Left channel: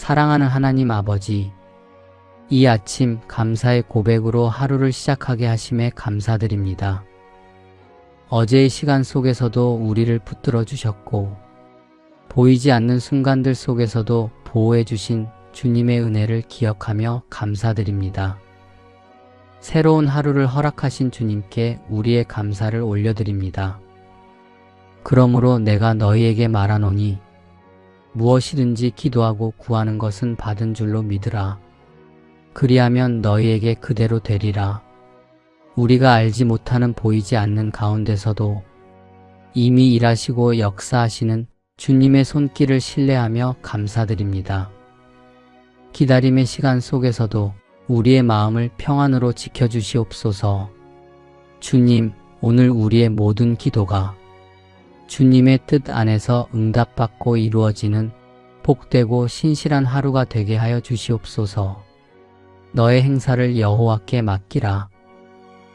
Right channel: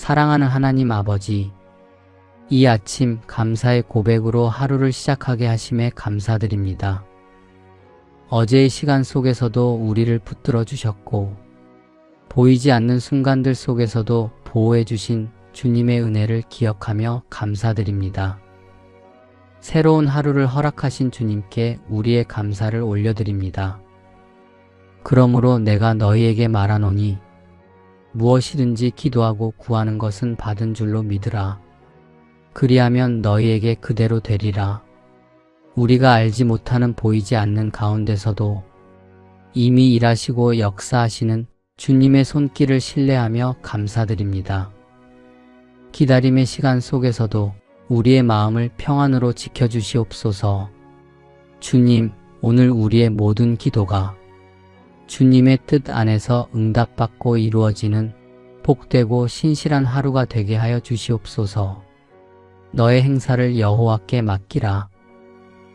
사랑하는 하나님 아버지, 이 아침 감사의 고백으로 하루를 시작하게 하심에 감사드립니다. 어제의 시간 속에서도 우리를 붙들어 주셨고, 보이지 않는 순간들 속에서도 보호해 주신 주님의 은혜를 기억하며 감사드립니다. 새로운 하루를 허락하신 주님께 우리의 감사를 올려드립니다. 그러므로 내가 너희에게 말하노니 무엇이든지 기도하고 구하는 것은 받은 줄로 믿으라. 그리하면 너희에게 그대로 되리라. 우리가 알지 못하는 보이지 않는 가운데서도 이미 일하시고 역사하시는 주님의 손길을 신뢰하며 감사드립니다. 기다림의 시간 속에서도 우리의 마음을 평안으로 지켜주시옵소서. 주님, 오늘 우리의 모든 기도가 주님의 뜻 안에서 응답받고 이루어지는 복되고 신실한 하루가 되게 하여 주시옵소서. 너의 행사를 여호와께 맡기라.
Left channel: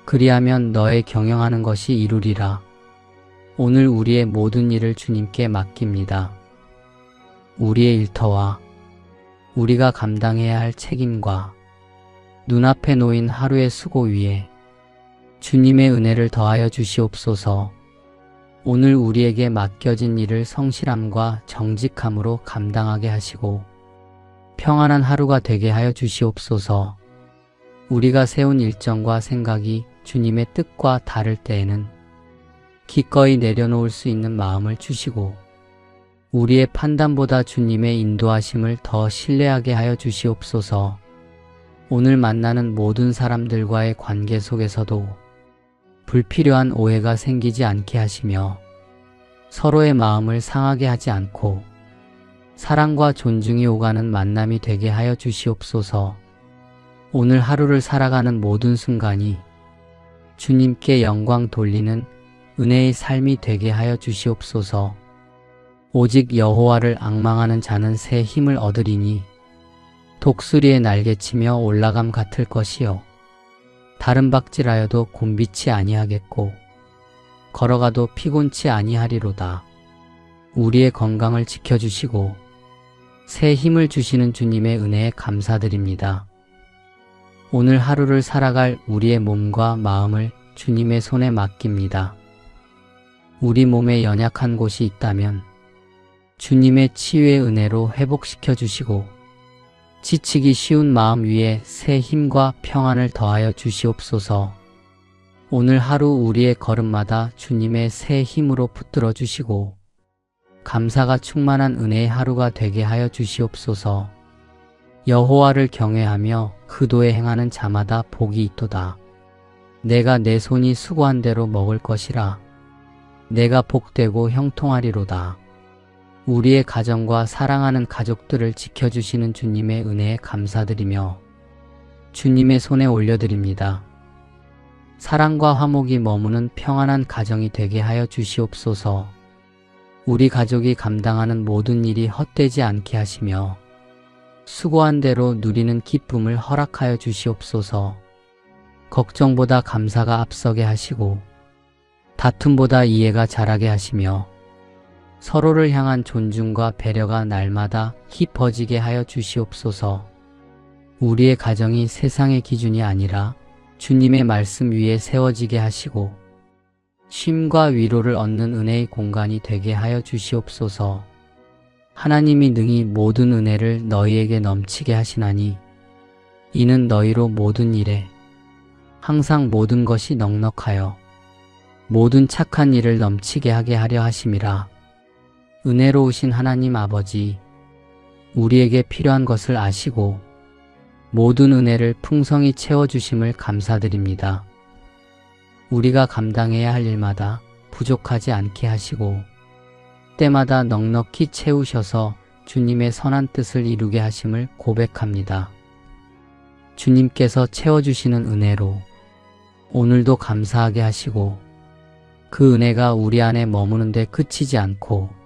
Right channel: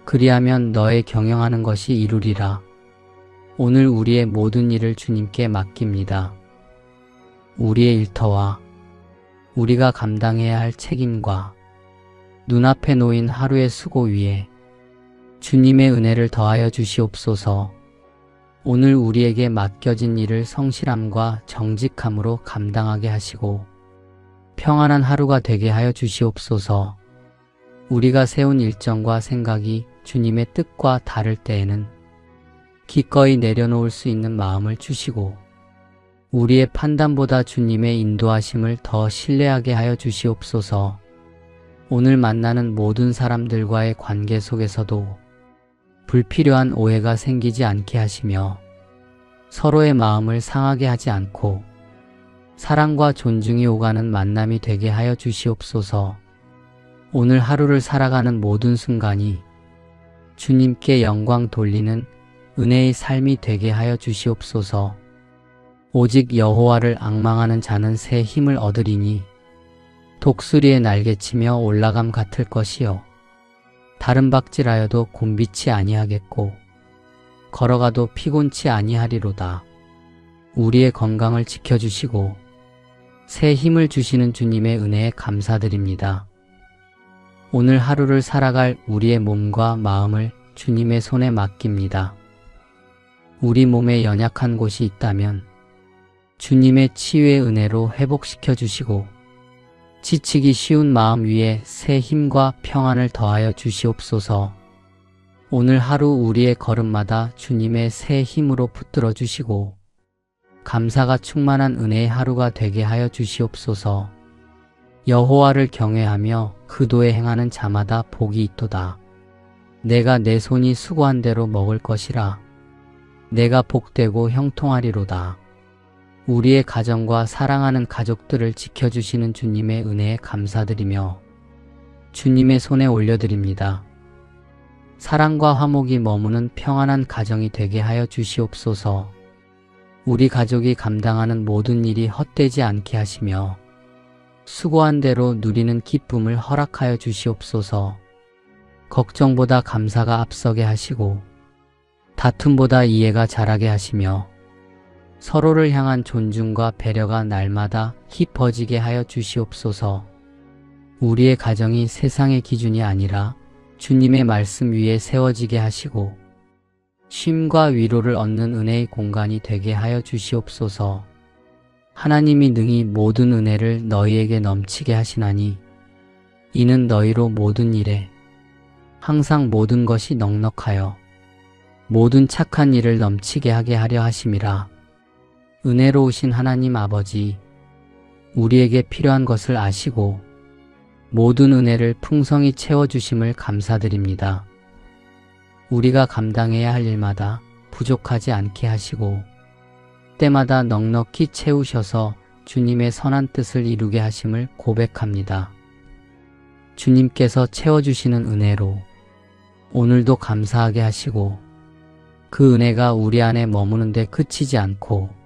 그리하면 너의 경영하는 것이 이루리라. 오늘 우리의 모든 일을 주님께 맡깁니다. 우리의 일터와 우리가 감당해야 할 책임과 눈앞에 놓인 하루의 수고 위에 주님의 은혜를 더하여 주시옵소서. 오늘 우리에게 맡겨진 일을 성실함과 정직함으로 감당하게 하시고 평안한 하루가 되게 하여 주시옵소서. 우리가 세운 일정과 생각이 주님의 뜻과 다를 때에는 기꺼이 내려놓을 수 있는 마음을 주시고 우리의 판단보다 주님의 인도하심을 더 신뢰하게 하여 주시옵소서. 오늘 만나는 모든 사람들과의 관계 속에서도 불필요한 오해가 생기지 않게 하시며 서로의 마음을 상하게 하지 않고 사랑과 존중이 오가는 만남이 되게 하여 주시옵소서. 오늘 하루를 살아가는 모든 순간이 주님께 영광 돌리는 은혜의 삶이 되게 하여 주시옵소서. 오직 여호와를 앙망하는 자는 새 힘을 얻으리니 독수리의 날개치며 올라감 같을 것이요 다른 박질하여도 곤비치 아니하겠고 걸어가도 피곤치 아니하리로다. 우리의 건강을 지켜주시고 새 힘을 주시는 주님의 은혜에 감사드립니다. 오늘 하루를 살아갈 우리의 몸과 마음을 주님의 손에 맡깁니다. 우리 몸에 연약한 곳이 있다면 주님의 치유의 은혜로 회복시켜 주시고 지치기 쉬운 마음 위에 새 힘과 평안을 더하여 주시옵소서. 오늘 하루 우리의 걸음마다 주님의 새 힘으로 붙들어 주시고 감사가 충만한 은혜의 하루가 되게 하여 주시옵소서. 여호와를 경외하며 그 도에 행하는 자마다 복이 있도다. 내가 내 손이 수고한 대로 먹을 것이라. 내가 복되고 형통하리로다. 우리의 가정과 사랑하는 가족들을 지켜주시는 주님의 은혜에 감사드리며 주님의 손에 올려드립니다. 사랑과 화목이 머무는 평안한 가정이 되게 하여 주시옵소서. 우리 가족이 감당하는 모든 일이 헛되지 않게 하시며 수고한 대로 누리는 기쁨을 허락하여 주시옵소서. 걱정보다 감사가 앞서게 하시고 다툼보다 이해가 자라게 하시며 서로를 향한 존중과 배려가 날마다 깊어지게 하여 주시옵소서. 우리의 가정이 세상의 기준이 아니라 주님의 말씀 위에 세워지게 하시고 쉼과 위로를 얻는 은혜의 공간이 되게 하여 주시옵소서. 하나님이 능히 모든 은혜를 너희에게 넘치게 하시나니 이는 너희로 모든 일에 항상 모든 것이 넉넉하여 모든 착한 일을 넘치게 하게 하려 하심이라. 은혜로우신 하나님 아버지, 우리에게 필요한 것을 아시고 모든 은혜를 풍성히 채워주심을 감사드립니다. 우리가 감당해야 할 일마다 부족하지 않게 하시고 때마다 넉넉히 채우셔서 주님의 선한 뜻을 이루게 하심을 고백합니다. 주님께서 채워주시는 은혜로 오늘도 감사하게 하시고 그 은혜가 우리 안에 머무는데 그치지 않고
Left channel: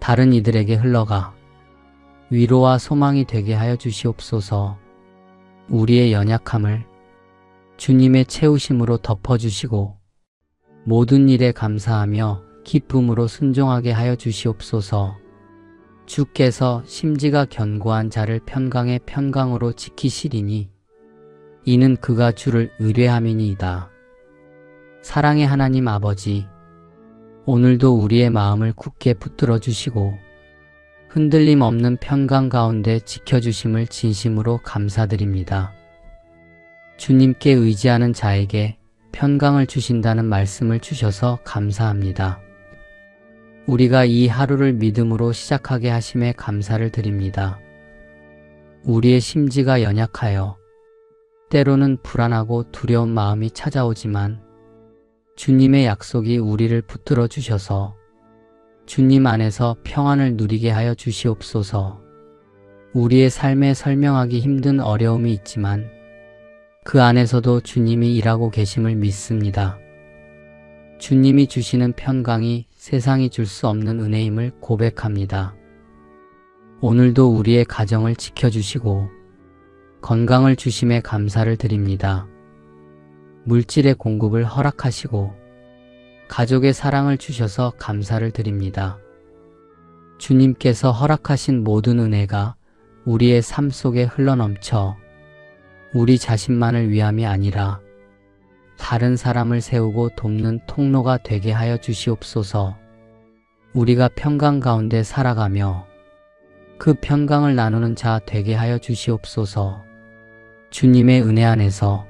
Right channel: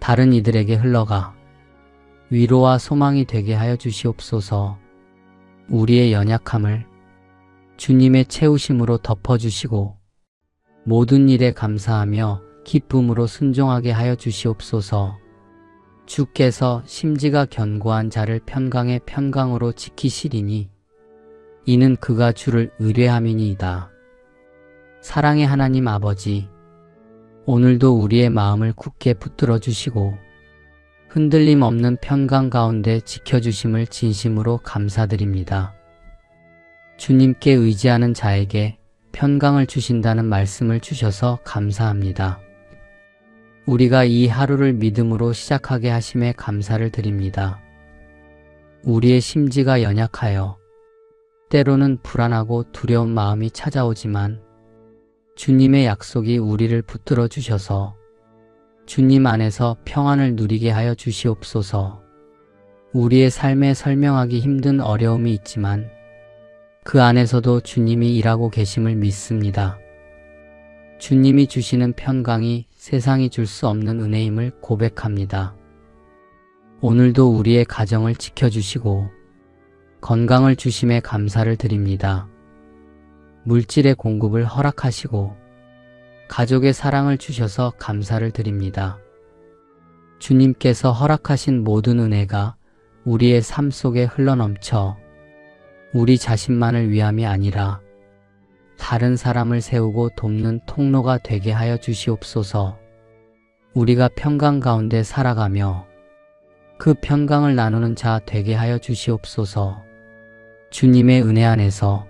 다른 이들에게 흘러가 위로와 소망이 되게 하여 주시옵소서. 우리의 연약함을 주님의 채우심으로 덮어주시고 모든 일에 감사하며 기쁨으로 순종하게 하여 주시옵소서. 주께서 심지가 견고한 자를 평강의 평강으로 지키시리니 이는 그가 주를 의뢰함이니이다. 사랑의 하나님 아버지, 오늘도 우리의 마음을 굳게 붙들어 주시고 흔들림 없는 평강 가운데 지켜주심을 진심으로 감사드립니다. 주님께 의지하는 자에게 평강을 주신다는 말씀을 주셔서 감사합니다. 우리가 이 하루를 믿음으로 시작하게 하심에 감사를 드립니다. 우리의 심지가 연약하여 때로는 불안하고 두려운 마음이 찾아오지만 주님의 약속이 우리를 붙들어 주셔서 주님 안에서 평안을 누리게 하여 주시옵소서. 우리의 삶에 설명하기 힘든 어려움이 있지만 그 안에서도 주님이 일하고 계심을 믿습니다. 주님이 주시는 평강이 세상이 줄 수 없는 은혜임을 고백합니다. 오늘도 우리의 가정을 지켜주시고 건강을 주심에 감사를 드립니다. 물질의 공급을 허락하시고 가족의 사랑을 주셔서 감사를 드립니다. 주님께서 허락하신 모든 은혜가 우리의 삶 속에 흘러넘쳐 우리 자신만을 위함이 아니라 다른 사람을 세우고 돕는 통로가 되게 하여 주시옵소서. 우리가 평강 가운데 살아가며 그 평강을 나누는 자 되게 하여 주시옵소서. 주님의 은혜 안에서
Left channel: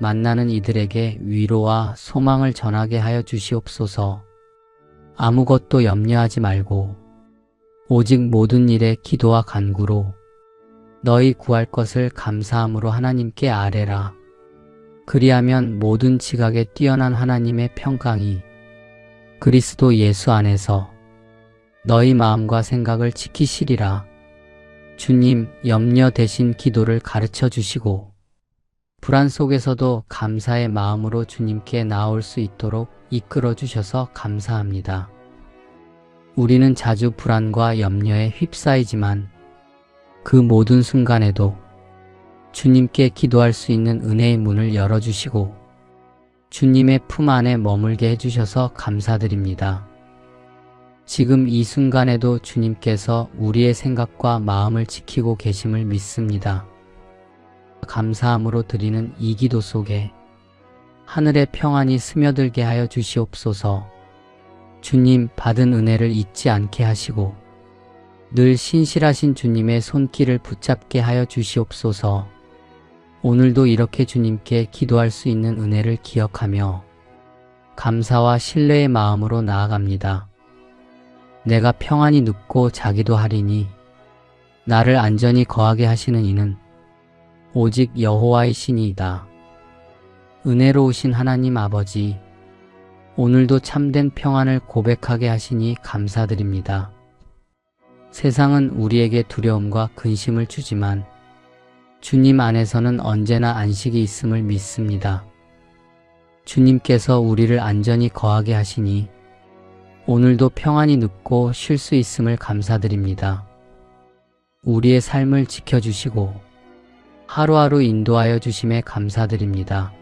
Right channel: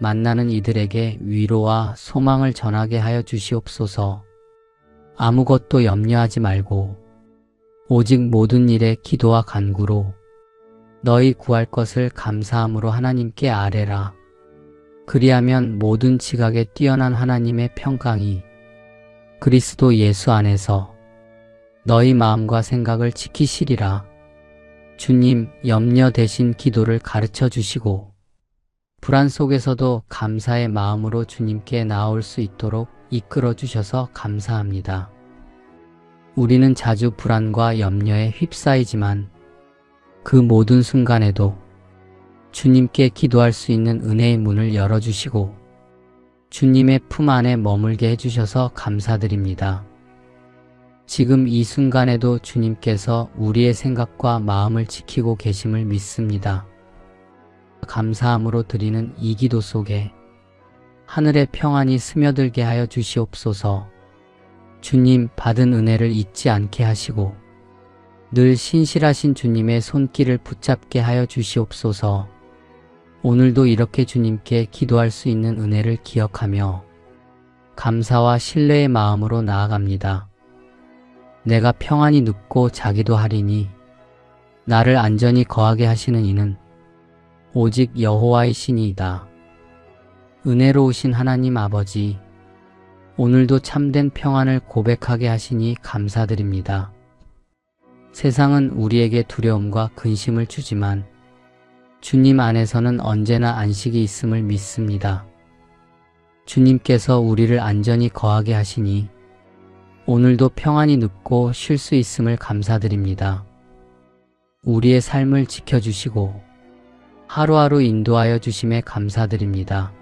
만나는 이들에게 위로와 소망을 전하게 하여 주시옵소서. 아무것도 염려하지 말고 오직 모든 일에 기도와 간구로 너희 구할 것을 감사함으로 하나님께 아뢰라. 그리하면 모든 지각에 뛰어난 하나님의 평강이 그리스도 예수 안에서 너희 마음과 생각을 지키시리라. 주님, 염려 대신 기도를 가르쳐 주시고 불안 속에서도 감사의 마음으로 주님께 나올 수 있도록 이끌어 주셔서 감사합니다. 우리는 자주 불안과 염려에 휩싸이지만 그 모든 순간에도 주님께 기도할 수 있는 은혜의 문을 열어주시고 주님의 품 안에 머물게 해주셔서 감사드립니다. 지금 이 순간에도 주님께서 우리의 생각과 마음을 지키고 계심을 믿습니다. 감사함으로 드리는 이 기도 속에 하늘의 평안이 스며들게 하여 주시옵소서. 주님 받은 은혜를 잊지 않게 하시고 늘 신실하신 주님의 손길을 붙잡게 하여 주시옵소서. 오늘도 이렇게 주님께 기도할 수 있는 은혜를 기억하며 감사와 신뢰의 마음으로 나아갑니다. 내가 평안히 눕고 자기도 하리니 나를 안전히 거하게 하시는 이는 오직 여호와이시니이다. 은혜로우신 하나님 아버지, 오늘도 참된 평안을 고백하게 하시니 감사드립니다. 세상은 우리에게 두려움과 근심을 주지만 주님 안에서는 언제나 안식이 있음을 믿습니다. 주님께서 우리를 안전히 거하게 하시니 오늘도 평안히 눕고 쉴 수 있음을 감사드립니다. 우리의 삶을 지켜주시고 하루하루 인도하여 주심에 감사드립니다.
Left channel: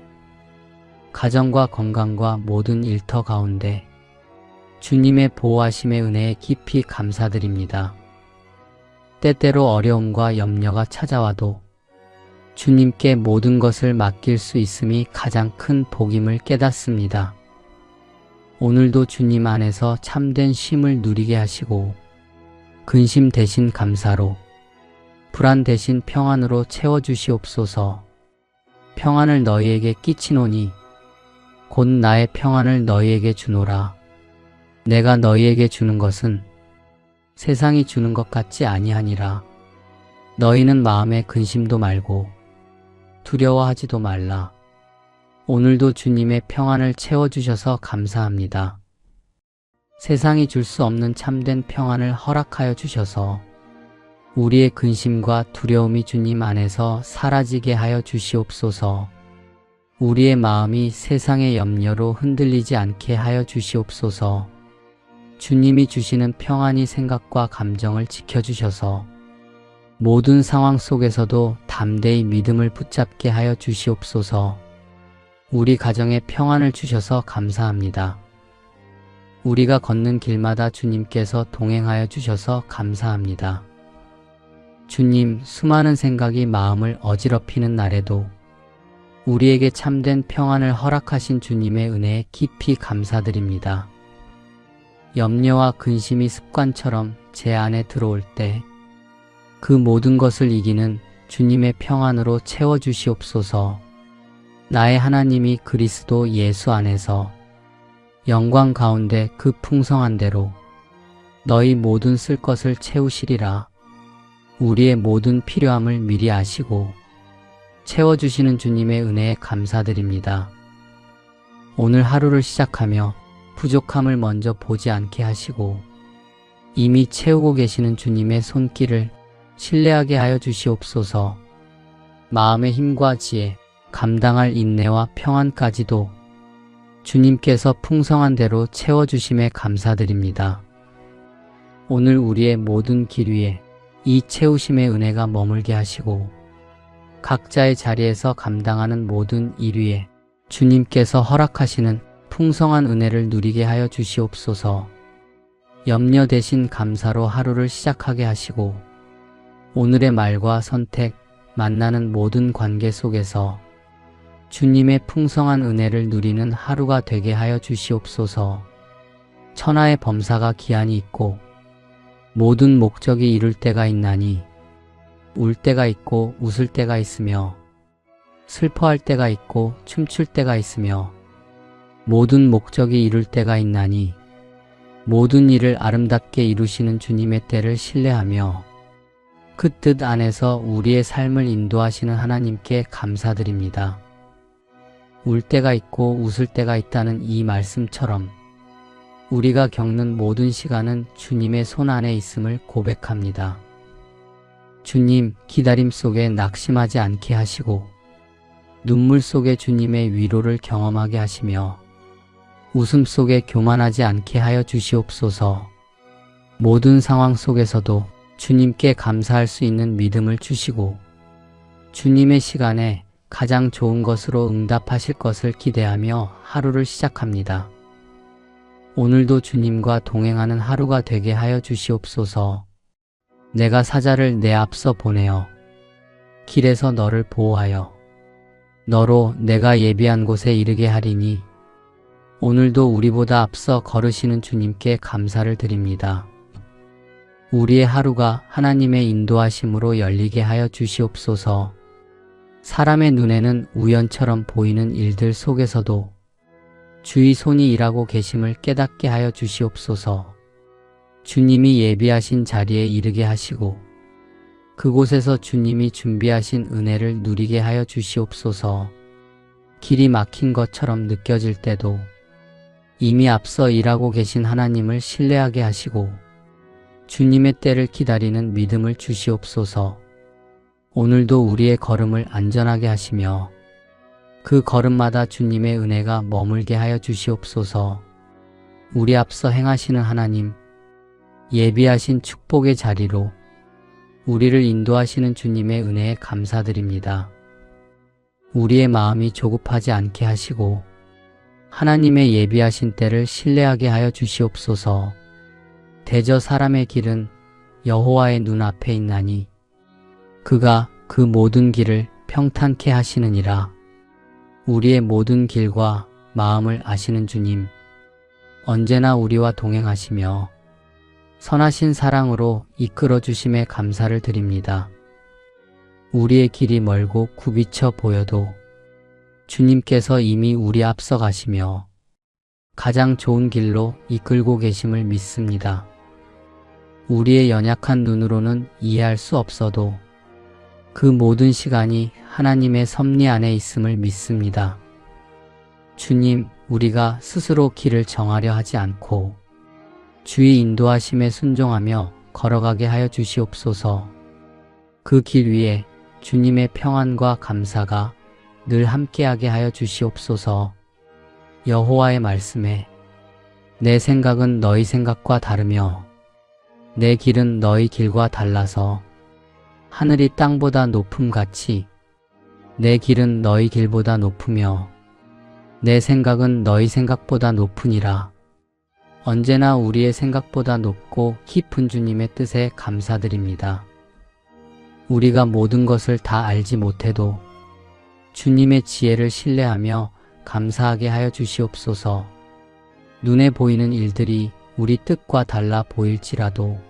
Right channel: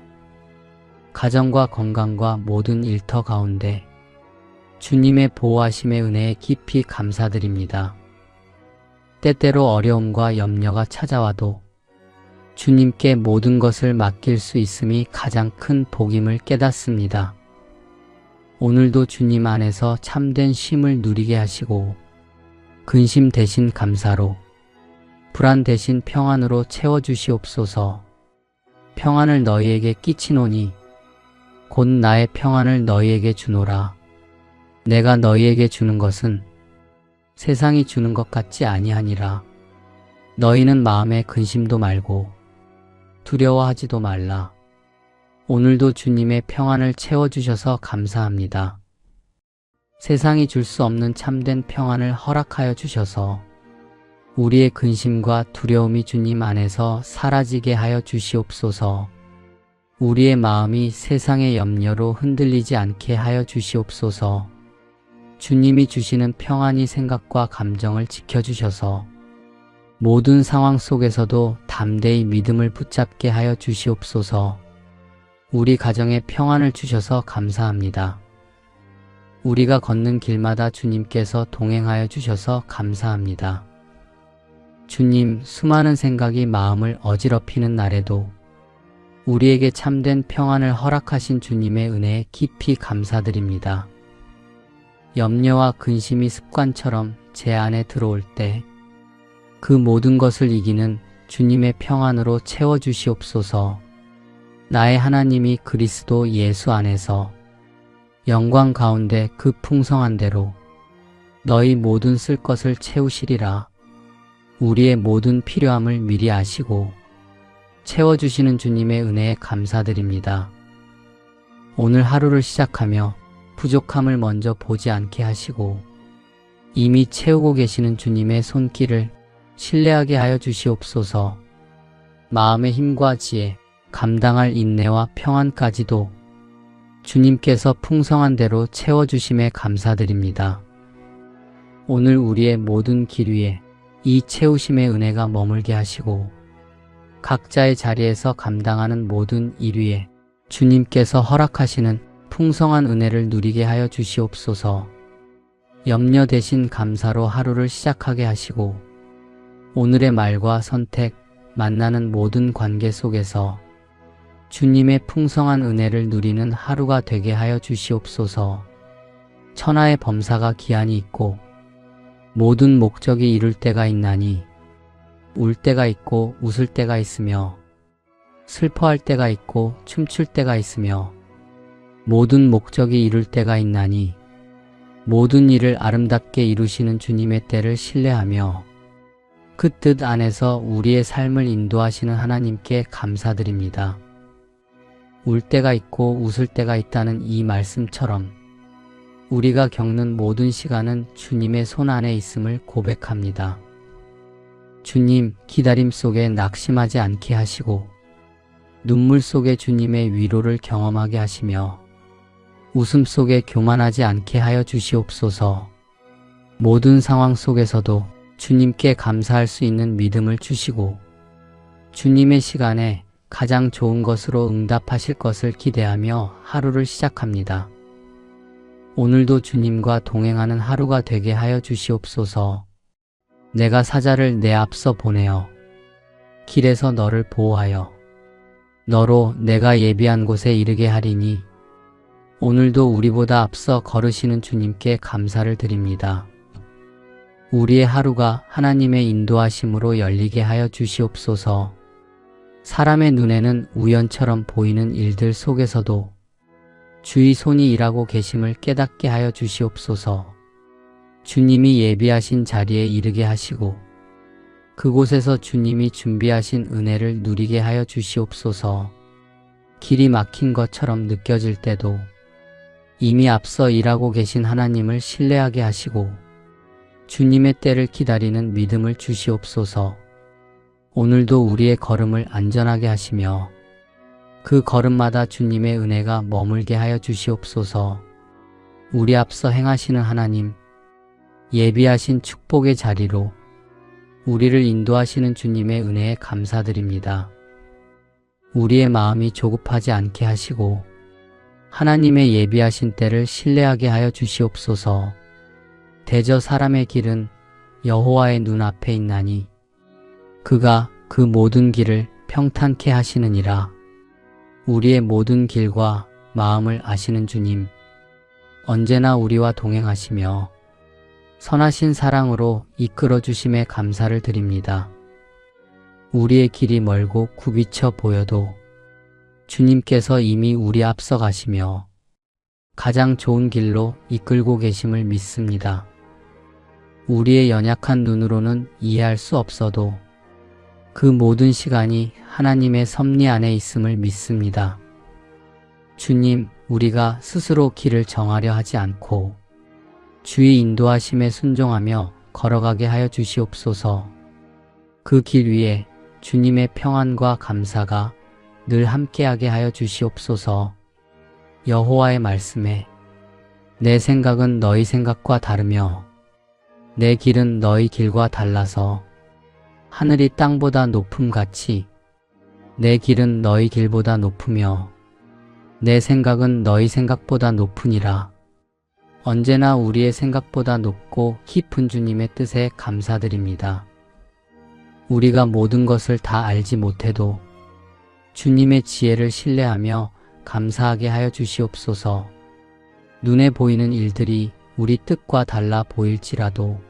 가정과 건강과 모든 일터 가운데 주님의 보호하심의 은혜에 깊이 감사드립니다. 때때로 어려움과 염려가 찾아와도 주님께 모든 것을 맡길 수 있음이 가장 큰 복임을 깨닫습니다. 오늘도 주님 안에서 참된 쉼을 누리게 하시고 근심 대신 감사로 불안 대신 평안으로 채워주시옵소서. 평안을 너희에게 끼치노니 곧 나의 평안을 너희에게 주노라. 내가 너희에게 주는 것은 세상이 주는 것 같지 아니하니라. 너희는 마음에 근심도 말고 두려워하지도 말라. 오늘도 주님의 평안을 채워주셔서 감사합니다. 세상이 줄 수 없는 참된 평안을 허락하여 주셔서 우리의 근심과 두려움이 주님 안에서 사라지게 하여 주시옵소서. 우리의 마음이 세상의 염려로 흔들리지 않게 하여 주시옵소서. 주님이 주시는 평안이 생각과 감정을 지켜주셔서 모든 상황 속에서도 담대히 믿음을 붙잡게 하여 주시옵소서. 우리 가정에 평안을 주셔서 감사합니다. 우리가 걷는 길마다 주님께서 동행하여 주셔서 감사합니다. 주님, 수많은 생각이 마음을 어지럽히는 날에도 우리에게 참된 평안을 허락하신 주님의 은혜에 깊이 감사드립니다. 염려와 근심이 습관처럼 제 안에 들어올 때 그 모든 것을 이기는 주님의 평안으로 채워주시옵소서. 나의 하나님이 그리스도 예수 안에서 영광 가운데 그 풍성한 대로 너희 모든 쓸 것을 채우시리라. 우리의 모든 필요함을 미리 아시고 채워주시는 주님의 은혜에 감사드립니다. 오늘 하루를 시작하며 부족함을 먼저 보지 않게 하시고 이미 채우고 계시는 주님의 손길을 신뢰하게 하여 주시옵소서. 마음의 힘과 지혜, 감당할 인내와 평안까지도 주님께서 풍성한 대로 채워주심에 감사드립니다. 오늘 우리의 모든 길 위에 이 채우심의 은혜가 머물게 하시고 각자의 자리에서 감당하는 모든 일 위에 주님께서 허락하시는 풍성한 은혜를 누리게 하여 주시옵소서. 염려 대신 감사로 하루를 시작하게 하시고 오늘의 말과 선택, 만나는 모든 관계 속에서 주님의 풍성한 은혜를 누리는 하루가 되게 하여 주시옵소서. 천하의 범사가 기한이 있고 모든 목적이 이룰 때가 있나니 울 때가 있고 웃을 때가 있으며 슬퍼할 때가 있고 춤출 때가 있으며 모든 목적이 이룰 때가 있나니 모든 일을 아름답게 이루시는 주님의 때를 신뢰하며 그 뜻 안에서 우리의 삶을 인도하시는 하나님께 감사드립니다. 울 때가 있고 웃을 때가 있다는 이 말씀처럼 우리가 겪는 모든 시간은 주님의 손 안에 있음을 고백합니다. 주님, 기다림 속에 낙심하지 않게 하시고 눈물 속에 주님의 위로를 경험하게 하시며 웃음 속에 교만하지 않게 하여 주시옵소서. 모든 상황 속에서도 주님께 감사할 수 있는 믿음을 주시고 주님의 시간에 가장 좋은 것으로 응답하실 것을 기대하며 하루를 시작합니다. 오늘도 주님과 동행하는 하루가 되게 하여 주시옵소서. 내가 사자를 내 앞서 보내어 길에서 너를 보호하여 너로 내가 예비한 곳에 이르게 하리니 오늘도 우리보다 앞서 걸으시는 주님께 감사를 드립니다. 우리의 하루가 하나님의 인도하심으로 열리게 하여 주시옵소서. 사람의 눈에는 우연처럼 보이는 일들 속에서도 주의 손이 일하고 계심을 깨닫게 하여 주시옵소서. 주님이 예비하신 자리에 이르게 하시고 그곳에서 주님이 준비하신 은혜를 누리게 하여 주시옵소서. 길이 막힌 것처럼 느껴질 때도 이미 앞서 일하고 계신 하나님을 신뢰하게 하시고 주님의 때를 기다리는 믿음을 주시옵소서. 오늘도 우리의 걸음을 안전하게 하시며 그 걸음마다 주님의 은혜가 머물게 하여 주시옵소서. 우리 앞서 행하시는 하나님, 예비하신 축복의 자리로 우리를 인도하시는 주님의 은혜에 감사드립니다. 우리의 마음이 조급하지 않게 하시고 하나님의 예비하신 때를 신뢰하게 하여 주시옵소서. 대저 사람의 길은 여호와의 눈앞에 있나니 그가 그 모든 길을 평탄케 하시느니라. 우리의 모든 길과 마음을 아시는 주님, 언제나 우리와 동행하시며 선하신 사랑으로 이끌어 주심에 감사를 드립니다. 우리의 길이 멀고 굽이쳐 보여도 주님께서 이미 우리 앞서 가시며 가장 좋은 길로 이끌고 계심을 믿습니다. 우리의 연약한 눈으로는 이해할 수 없어도 그 모든 시간이 하나님의 섭리 안에 있음을 믿습니다. 주님, 우리가 스스로 길을 정하려 하지 않고 주의 인도하심에 순종하며 걸어가게 하여 주시옵소서. 그 길 위에 주님의 평안과 감사가 늘 함께하게 하여 주시옵소서. 여호와의 말씀에 내 생각은 너희 생각과 다르며 내 길은 너희 길과 달라서 하늘이 땅보다 높음같이 내 길은 너희 길보다 높으며 내 생각은 너희 생각보다 높으니라. 언제나 우리의 생각보다 높고 깊은 주님의 뜻에 감사드립니다. 우리가 모든 것을 다 알지 못해도 주님의 지혜를 신뢰하며 감사하게 하여 주시옵소서. 눈에 보이는 일들이 우리 뜻과 달라 보일지라도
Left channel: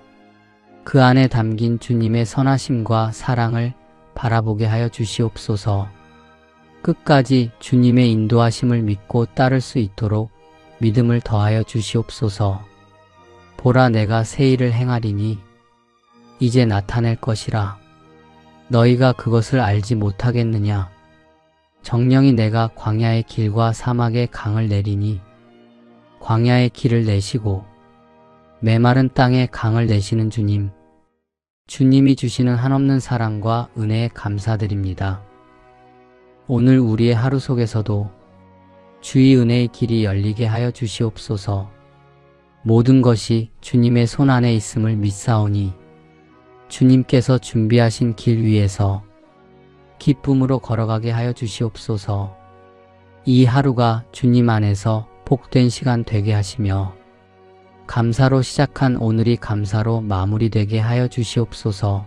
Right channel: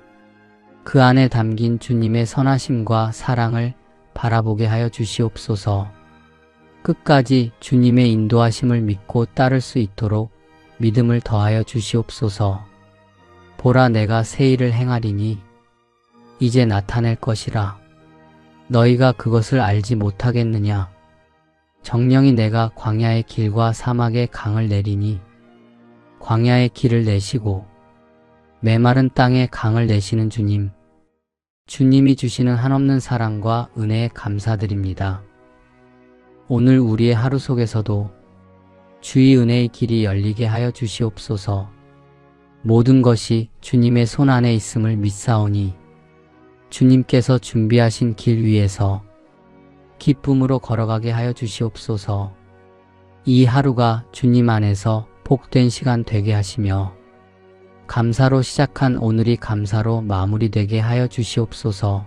그 안에 담긴 주님의 선하심과 사랑을 바라보게 하여 주시옵소서. 끝까지 주님의 인도하심을 믿고 따를 수 있도록 믿음을 더하여 주시옵소서. 보라, 내가 새 일을 행하리니 이제 나타낼 것이라. 너희가 그것을 알지 못하겠느냐? 정령이 내가 광야의 길과 사막의 강을 내리니 광야의 길을 내시고 메마른 땅에 강을 내시는 주님, 주님이 주시는 한없는 사랑과 은혜에 감사드립니다. 오늘 우리의 하루 속에서도 주의 은혜의 길이 열리게 하여 주시옵소서. 모든 것이 주님의 손 안에 있음을 믿사오니 주님께서 준비하신 길 위에서 기쁨으로 걸어가게 하여 주시옵소서. 이 하루가 주님 안에서 복된 시간 되게 하시며 감사로 시작한 오늘이 감사로 마무리되게 하여 주시옵소서.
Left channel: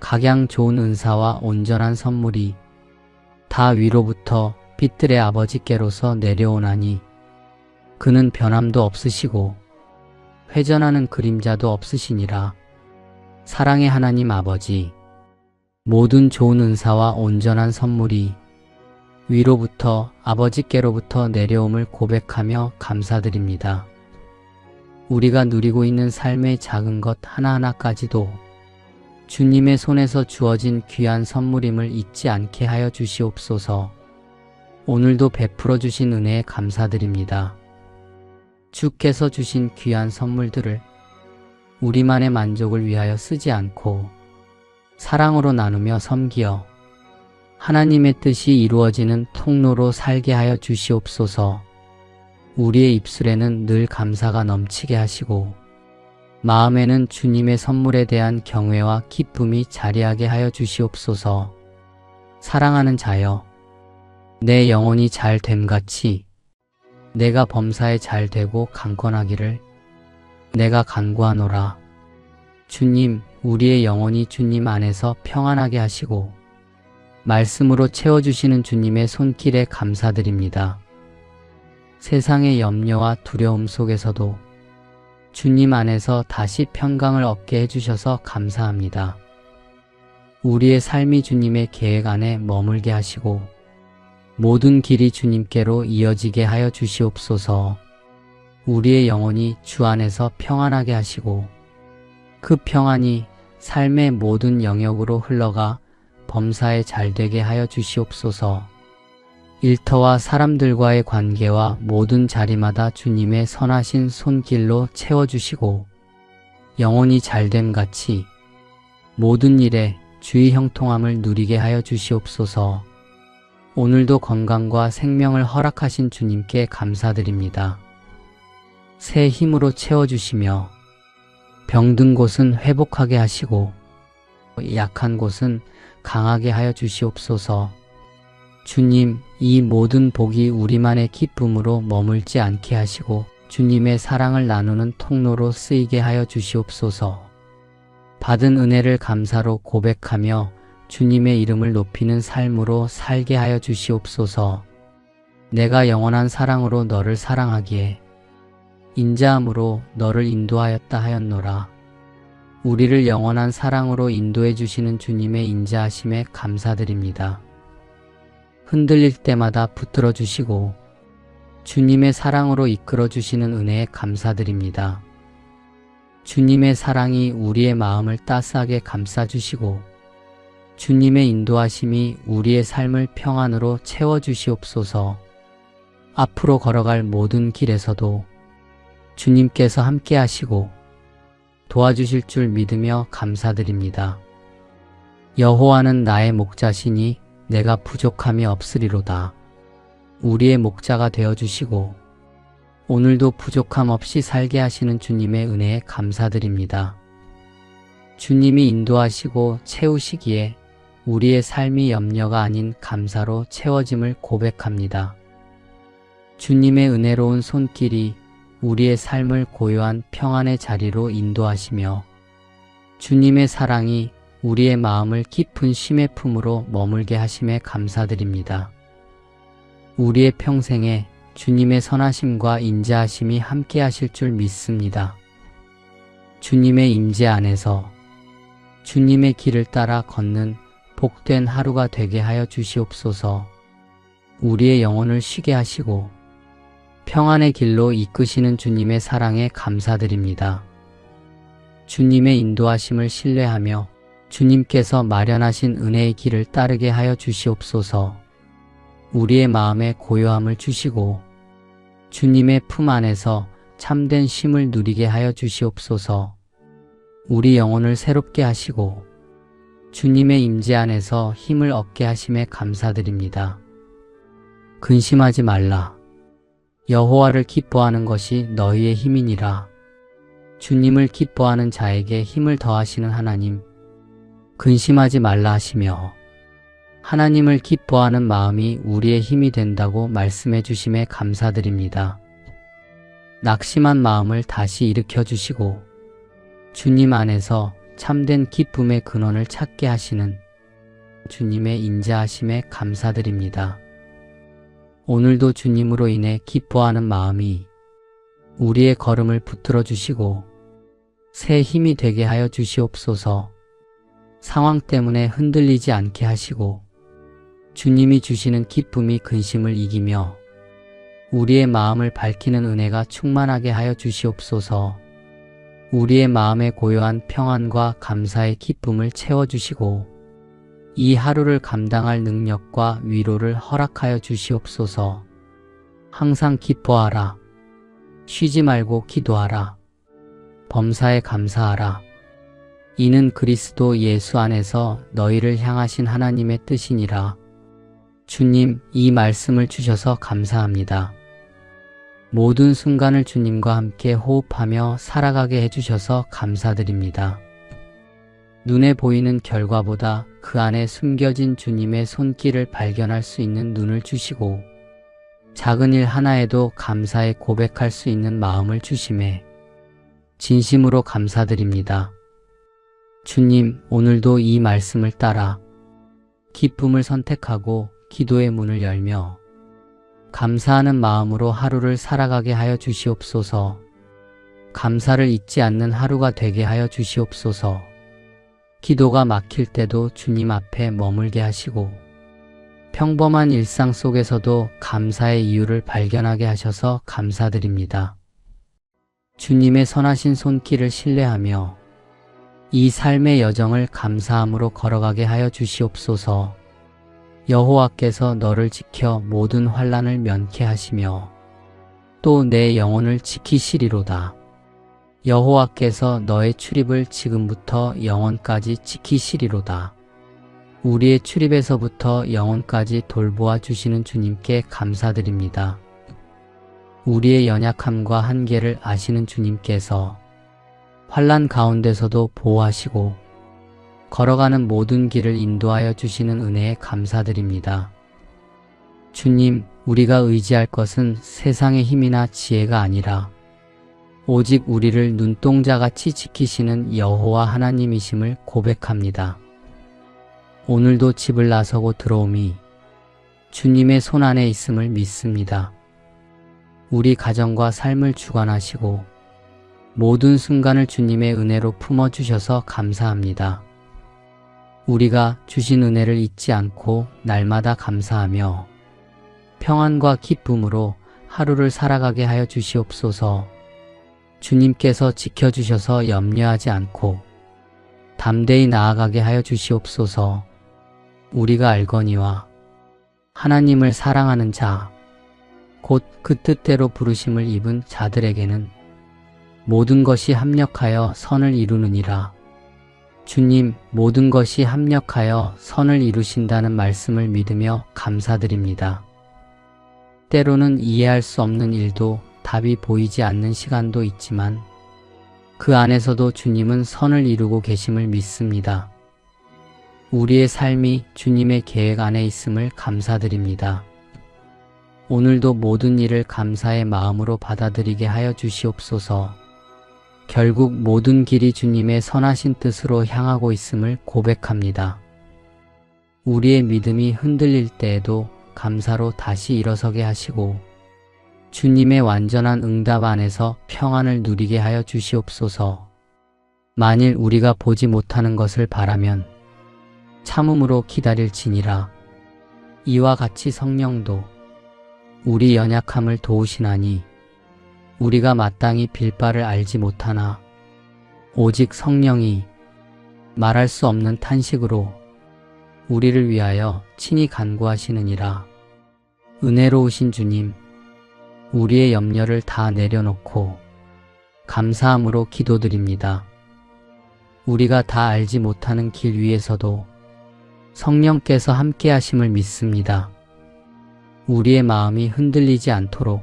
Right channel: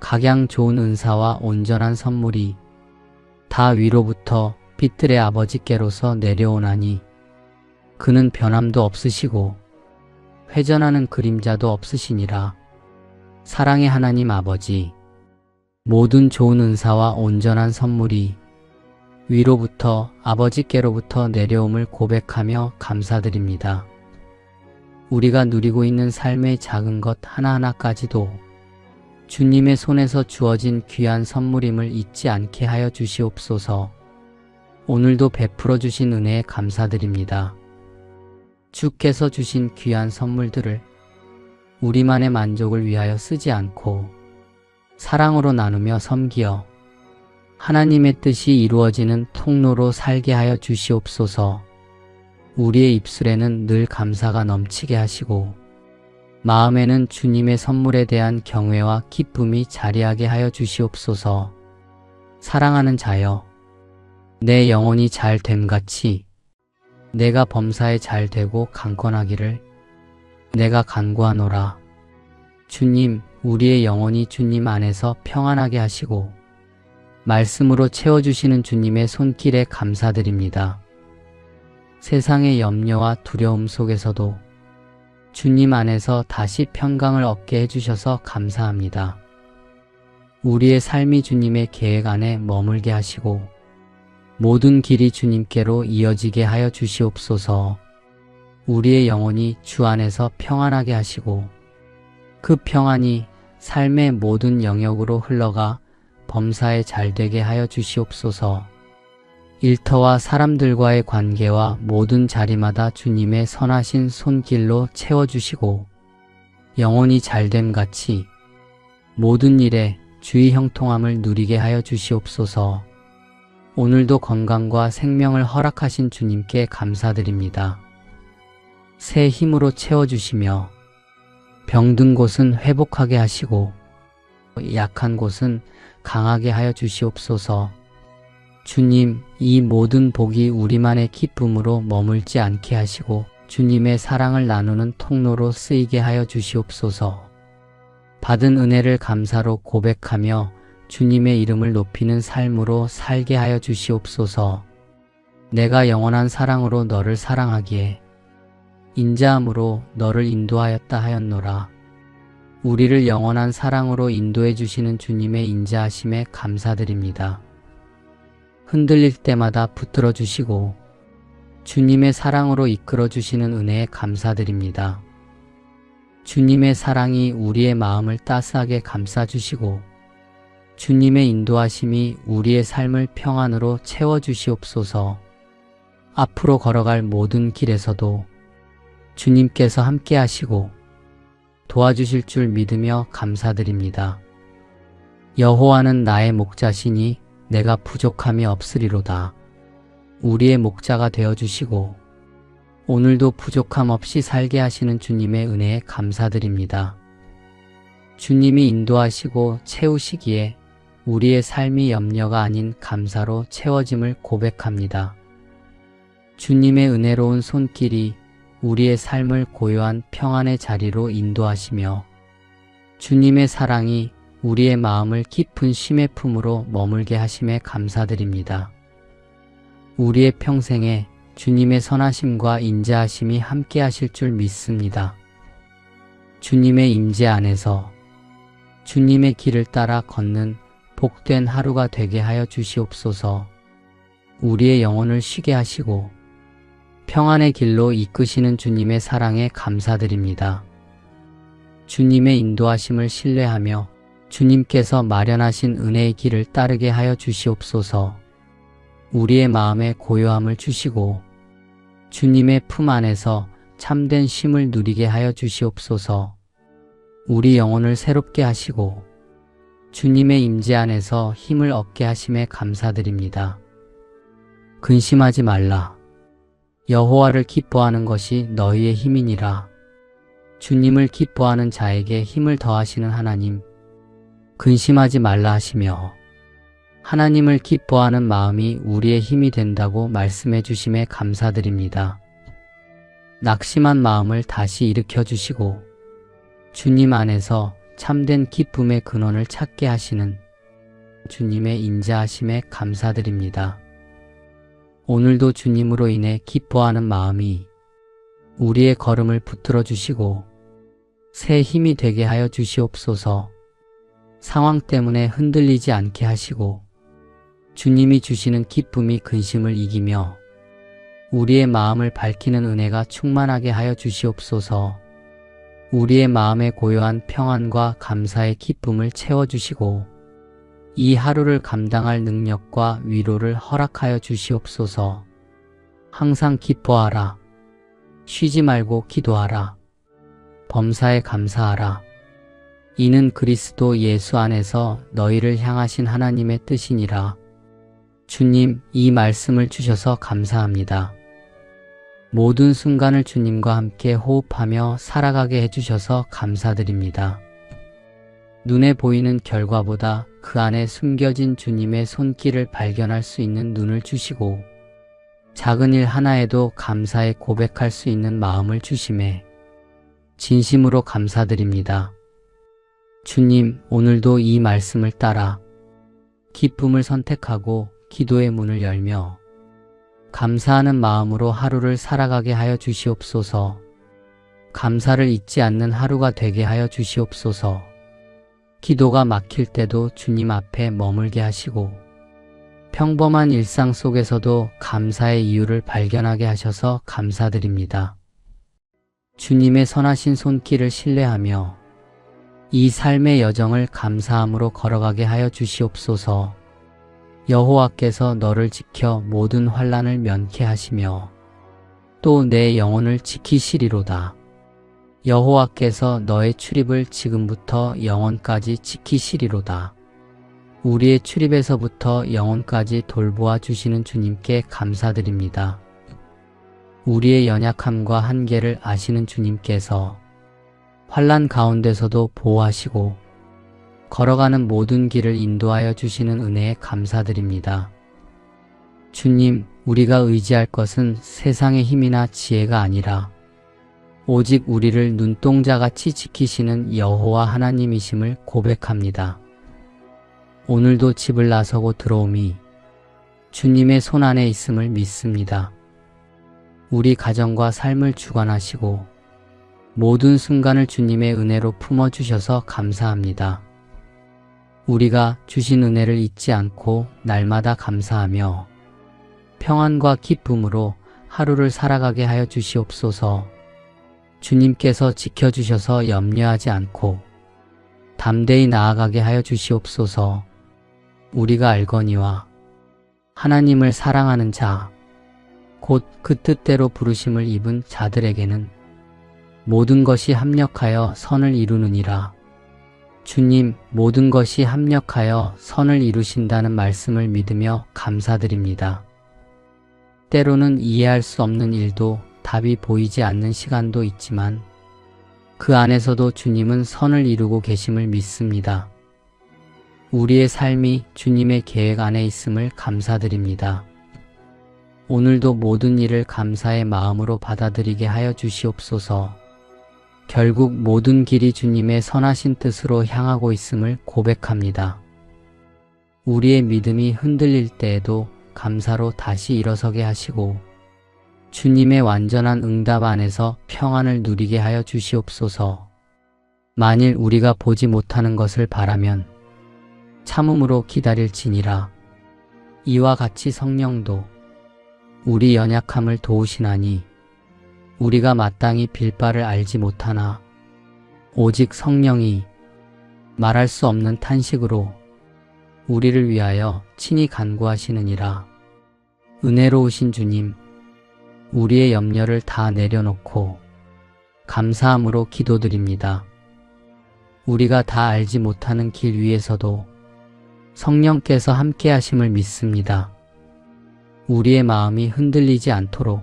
각양 좋은 은사와 온전한 선물이 다 위로부터 빛들의 아버지께로서 내려오나니 그는 변함도 없으시고 회전하는 그림자도 없으시니라. 사랑의 하나님 아버지, 모든 좋은 은사와 온전한 선물이 위로부터 아버지께로부터 내려옴을 고백하며 감사드립니다. 우리가 누리고 있는 삶의 작은 것 하나하나까지도 주님의 손에서 주어진 귀한 선물임을 잊지 않게 하여 주시옵소서. 오늘도 베풀어 주신 은혜에 감사드립니다. 주께서 주신 귀한 선물들을 우리만의 만족을 위하여 쓰지 않고 사랑으로 나누며 섬기어 하나님의 뜻이 이루어지는 통로로 살게 하여 주시옵소서. 우리의 입술에는 늘 감사가 넘치게 하시고 마음에는 주님의 선물에 대한 경외와 기쁨이 자리하게 하여 주시옵소서. 사랑하는 자여, 내 영혼이 잘 됨같이 내가 범사에 잘 되고 강건하기를 내가 간구하노라. 주님, 우리의 영혼이 주님 안에서 평안하게 하시고 말씀으로 채워주시는 주님의 손길에 감사드립니다. 세상의 염려와 두려움 속에서도 주님 안에서 다시 평강을 얻게 해주셔서 감사합니다. 우리의 삶이 주님의 계획 안에 머물게 하시고 모든 길이 주님께로 이어지게 하여 주시옵소서. 우리의 영혼이 주 안에서 평안하게 하시고 그 평안이 삶의 모든 영역으로 흘러가 범사에 잘되게 하여 주시옵소서. 일터와 사람들과의 관계와 모든 자리마다 주님의 선하신 손길로 채워주시고 영혼이 잘됨같이 모든 일에 주의 형통함을 누리게 하여 주시옵소서. 오늘도 건강과 생명을 허락하신 주님께 감사드립니다. 새 힘으로 채워주시며 병든 곳은 회복하게 하시고 약한 곳은 강하게 하여 주시옵소서. 주님, 이 모든 복이 우리만의 기쁨으로 머물지 않게 하시고 주님의 사랑을 나누는 통로로 쓰이게 하여 주시옵소서. 받은 은혜를 감사로 고백하며 주님의 이름을 높이는 삶으로 살게 하여 주시옵소서. 내가 영원한 사랑으로 너를 사랑하기에 인자함으로 너를 인도하였다 하였노라. 우리를 영원한 사랑으로 인도해 주시는 주님의 인자하심에 감사드립니다. 흔들릴 때마다 붙들어 주시고 주님의 사랑으로 이끌어 주시는 은혜에 감사드립니다. 주님의 사랑이 우리의 마음을 따스하게 감싸 주시고 주님의 인도하심이 우리의 삶을 평안으로 채워 주시옵소서. 앞으로 걸어갈 모든 길에서도 주님께서 함께 하시고 도와주실 줄 믿으며 감사드립니다. 여호와는 나의 목자시니 내가 부족함이 없으리로다. 우리의 목자가 되어주시고 오늘도 부족함 없이 살게 하시는 주님의 은혜에 감사드립니다. 주님이 인도하시고 채우시기에 우리의 삶이 염려가 아닌 감사로 채워짐을 고백합니다. 주님의 은혜로운 손길이 우리의 삶을 고요한 평안의 자리로 인도하시며 주님의 사랑이 우리의 마음을 깊은 쉼의 품으로 머물게 하심에 감사드립니다. 우리의 평생에 주님의 선하심과 인자하심이 함께 하실 줄 믿습니다. 주님의 임재 안에서 주님의 길을 따라 걷는 복된 하루가 되게 하여 주시옵소서. 우리의 영혼을 쉬게 하시고 평안의 길로 이끄시는 주님의 사랑에 감사드립니다. 주님의 인도하심을 신뢰하며 주님께서 마련하신 은혜의 길을 따르게 하여 주시옵소서. 우리의 마음에 고요함을 주시고 주님의 품 안에서 참된 쉼을 누리게 하여 주시옵소서. 우리 영혼을 새롭게 하시고 주님의 임재 안에서 힘을 얻게 하심에 감사드립니다. 근심하지 말라. 여호와를 기뻐하는 것이 너희의 힘이니라. 주님을 기뻐하는 자에게 힘을 더하시는 하나님, 근심하지 말라 하시며 하나님을 기뻐하는 마음이 우리의 힘이 된다고 말씀해 주심에 감사드립니다. 낙심한 마음을 다시 일으켜 주시고 주님 안에서 참된 기쁨의 근원을 찾게 하시는 주님의 인자하심에 감사드립니다. 오늘도 주님으로 인해 기뻐하는 마음이 우리의 걸음을 붙들어 주시고 새 힘이 되게 하여 주시옵소서. 상황 때문에 흔들리지 않게 하시고 주님이 주시는 기쁨이 근심을 이기며 우리의 마음을 밝히는 은혜가 충만하게 하여 주시옵소서. 우리의 마음에 고요한 평안과 감사의 기쁨을 채워주시고 이 하루를 감당할 능력과 위로를 허락하여 주시옵소서. 항상 기뻐하라. 쉬지 말고 기도하라. 범사에 감사하라. 이는 그리스도 예수 안에서 너희를 향하신 하나님의 뜻이니라. 주님, 이 말씀을 주셔서 감사합니다. 모든 순간을 주님과 함께 호흡하며 살아가게 해주셔서 감사드립니다. 눈에 보이는 결과보다 그 안에 숨겨진 주님의 손길을 발견할 수 있는 눈을 주시고 작은 일 하나에도 감사의 고백할 수 있는 마음을 주심에 진심으로 감사드립니다. 주님, 오늘도 이 말씀을 따라 기쁨을 선택하고 기도의 문을 열며 감사하는 마음으로 하루를 살아가게 하여 주시옵소서. 감사를 잊지 않는 하루가 되게 하여 주시옵소서. 기도가 막힐 때도 주님 앞에 머물게 하시고 평범한 일상 속에서도 감사의 이유를 발견하게 하셔서 감사드립니다. 주님의 선하신 손길을 신뢰하며 이 삶의 여정을 감사함으로 걸어가게 하여 주시옵소서. 여호와께서 너를 지켜 모든 환난을 면케 하시며 또 내 영혼을 지키시리로다. 여호와께서 너의 출입을 지금부터 영원까지 지키시리로다. 우리의 출입에서부터 영원까지 돌보아 주시는 주님께 감사드립니다. 우리의 연약함과 한계를 아시는 주님께서 환난 가운데서도 보호하시고 걸어가는 모든 길을 인도하여 주시는 은혜에 감사드립니다. 주님, 우리가 의지할 것은 세상의 힘이나 지혜가 아니라 오직 우리를 눈동자같이 지키시는 여호와 하나님이심을 고백합니다. 오늘도 집을 나서고 들어오미 주님의 손 안에 있음을 믿습니다. 우리 가정과 삶을 주관하시고 모든 순간을 주님의 은혜로 품어주셔서 감사합니다. 우리가 주신 은혜를 잊지 않고 날마다 감사하며 평안과 기쁨으로 하루를 살아가게 하여 주시옵소서. 주님께서 지켜주셔서 염려하지 않고 담대히 나아가게 하여 주시옵소서. 우리가 알거니와 하나님을 사랑하는 자, 곧 그 뜻대로 부르심을 입은 자들에게는 모든 것이 합력하여 선을 이루느니라. 주님, 모든 것이 합력하여 선을 이루신다는 말씀을 믿으며 감사드립니다. 때로는 이해할 수 없는 일도 답이 보이지 않는 시간도 있지만 그 안에서도 주님은 선을 이루고 계심을 믿습니다. 우리의 삶이 주님의 계획 안에 있음을 감사드립니다. 오늘도 모든 일을 감사의 마음으로 받아들이게 하여 주시옵소서. 결국 모든 길이 주님의 선하신 뜻으로 향하고 있음을 고백합니다. 우리의 믿음이 흔들릴 때에도 감사로 다시 일어서게 하시고 주님의 완전한 응답 안에서 평안을 누리게 하여 주시옵소서. 만일 우리가 보지 못하는 것을 바라면 참음으로 기다릴지니라. 이와 같이 성령도 우리 연약함을 도우시나니 우리가 마땅히 빌 바를 알지 못하나 오직 성령이 말할 수 없는 탄식으로 우리를 위하여 친히 간구하시느니라. 은혜로우신 주님, 우리의 염려를 다 내려놓고 감사함으로 기도드립니다. 우리가 다 알지 못하는 길 위에서도 성령께서 함께 하심을 믿습니다. 우리의 마음이 흔들리지 않도록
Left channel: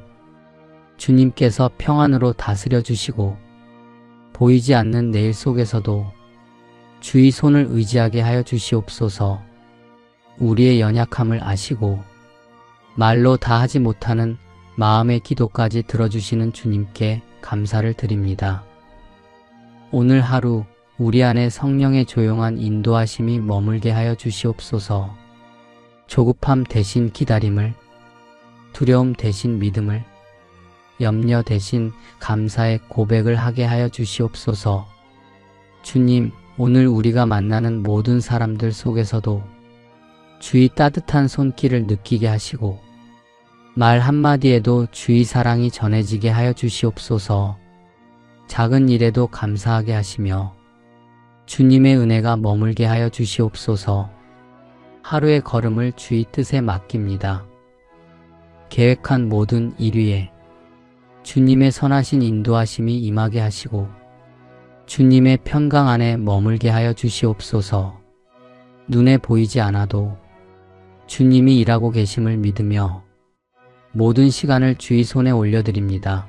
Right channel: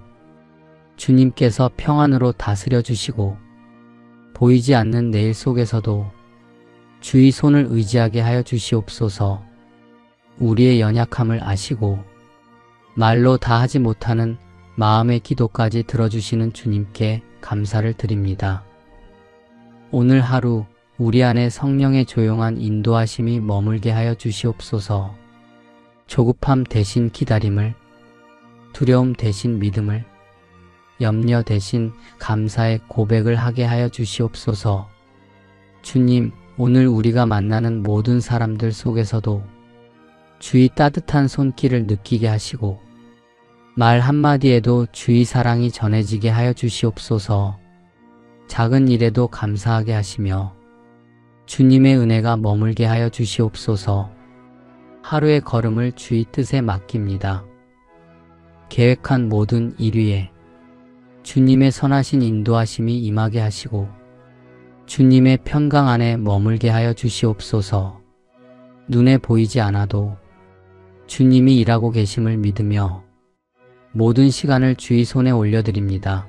주님께서 평안으로 다스려 주시고 보이지 않는 내일 속에서도 주의 손을 의지하게 하여 주시옵소서. 우리의 연약함을 아시고 말로 다 하지 못하는 마음의 기도까지 들어주시는 주님께 감사를 드립니다. 오늘 하루 우리 안에 성령의 조용한 인도하심이 머물게 하여 주시옵소서. 조급함 대신 기다림을, 두려움 대신 믿음을, 염려 대신 감사의 고백을 하게 하여 주시옵소서. 주님, 오늘 우리가 만나는 모든 사람들 속에서도 주의 따뜻한 손길을 느끼게 하시고 말 한마디에도 주의 사랑이 전해지게 하여 주시옵소서. 작은 일에도 감사하게 하시며 주님의 은혜가 머물게 하여 주시옵소서. 하루의 걸음을 주의 뜻에 맡깁니다. 계획한 모든 일 위에 주님의 선하신 인도하심이 임하게 하시고 주님의 평강 안에 머물게 하여 주시옵소서. 눈에 보이지 않아도 주님이 일하고 계심을 믿으며 모든 시간을 주의 손에 올려드립니다.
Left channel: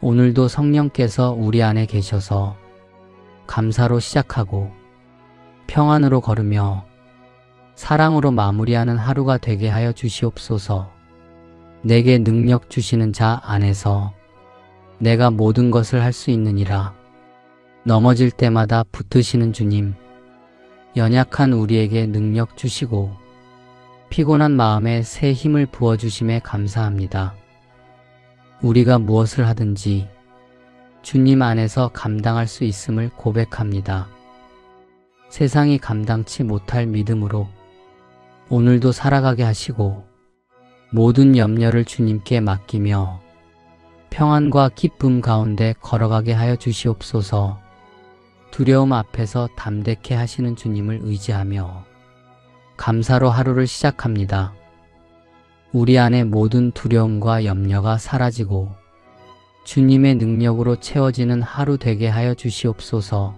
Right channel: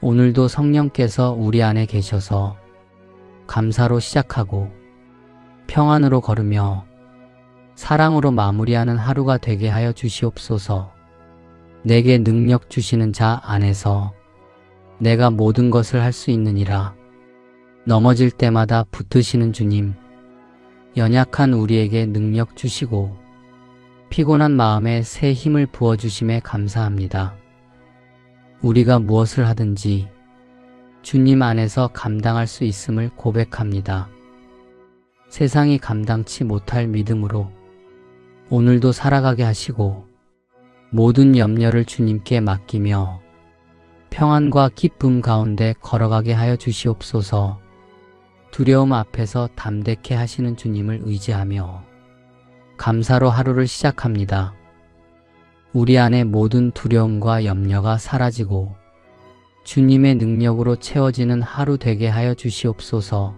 오늘도 성령께서 우리 안에 계셔서 감사로 시작하고 평안으로 걸으며 사랑으로 마무리하는 하루가 되게 하여 주시옵소서. 내게 능력 주시는 자 안에서 내가 모든 것을 할 수 있느니라. 넘어질 때마다 붙드시는 주님, 연약한 우리에게 능력 주시고 피곤한 마음에 새 힘을 부어주심에 감사합니다. 우리가 무엇을 하든지 주님 안에서 감당할 수 있음을 고백합니다. 세상이 감당치 못할 믿음으로 오늘도 살아가게 하시고 모든 염려를 주님께 맡기며 평안과 기쁨 가운데 걸어가게 하여 주시옵소서. 두려움 앞에서 담대케 하시는 주님을 의지하며 감사로 하루를 시작합니다. 우리 안에 모든 두려움과 염려가 사라지고 주님의 능력으로 채워지는 하루 되게 하여 주시옵소서.